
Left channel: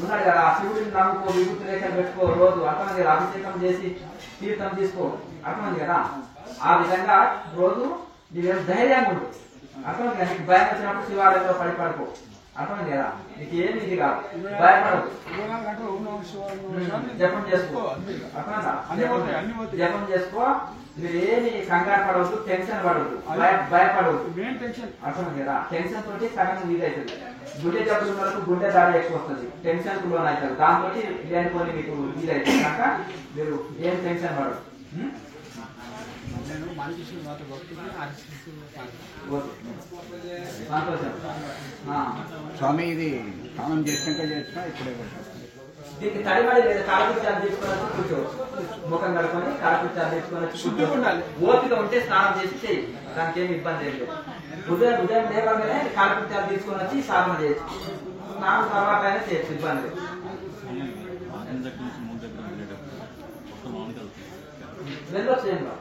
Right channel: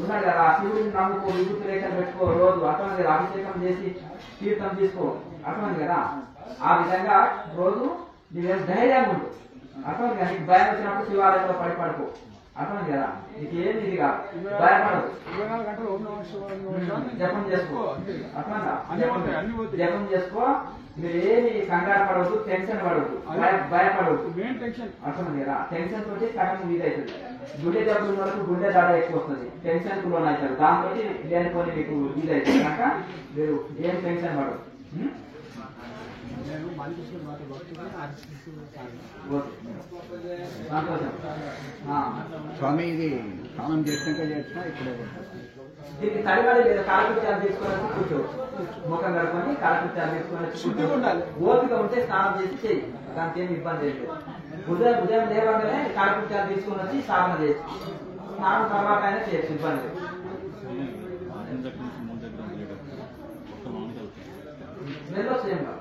ఉన్నాడు కదా. శివుడిని నమ్ముకో, విభూతి రేఖలు పెట్టుకో, రోజు అర్థమైంది కదా. అభిషేకం చేసి తీర్థం తీసుకో, అర్థమైంది కదా. ఆ విధంగా రోజు నీకు ధైర్యంగా ఉండు. అర్థమైంది కదా. నీకు భయం వచ్చినప్పుడు శివాలయంలో పడిపడుకో, అర్థమైంది కదా. నీకు ఏమి ఇది కాదు, భయపడదు. జపం చేసుకో, అర్థమైందా. జపం చేసుకో. మీరు ఏమి కంగారు పడవద్దు, టెన్షన్ పడవద్దు, భయపడవద్దు. అర్థమైంది కదా. టెన్షన్ తోటి సగం ఇది అవుతుంది. గుండె జబ్బుల వరకు గుండె ధర ఎక్కువ వస్తుంది, టెన్షన్ కు లోన్ అవుతుంది. దాంతో లేనిపోయి మీకు ఇది అవుతుంది కనుక మీరు ఏం టెన్షన్ పడదు. స్వామి ఇది స్నానం చేసినాక చేస్తా ఇప్పుడే దీనికి తడిమడి లేదా కాలకృత్యాలు తీసుకోవడానికి కూర్చోవచ్చు. ముఖం కడుకొని కాలకృత్యాలు తీసుకోవచ్చు. ఓపిక ఉంటే స్నానం చేసి చేయి, దానికి ఏమి ఇబ్బంది లేదు. ఉదయం లేవగానే కాలకృత్యాలు తీసుకొని వచ్చి సాధన చేయొచ్చు. స్నానం తర్వాత అయినా చేయొచ్చు, ఇబ్బంది లేదు. వెళ్ళొచ్చు ఏం కాదు.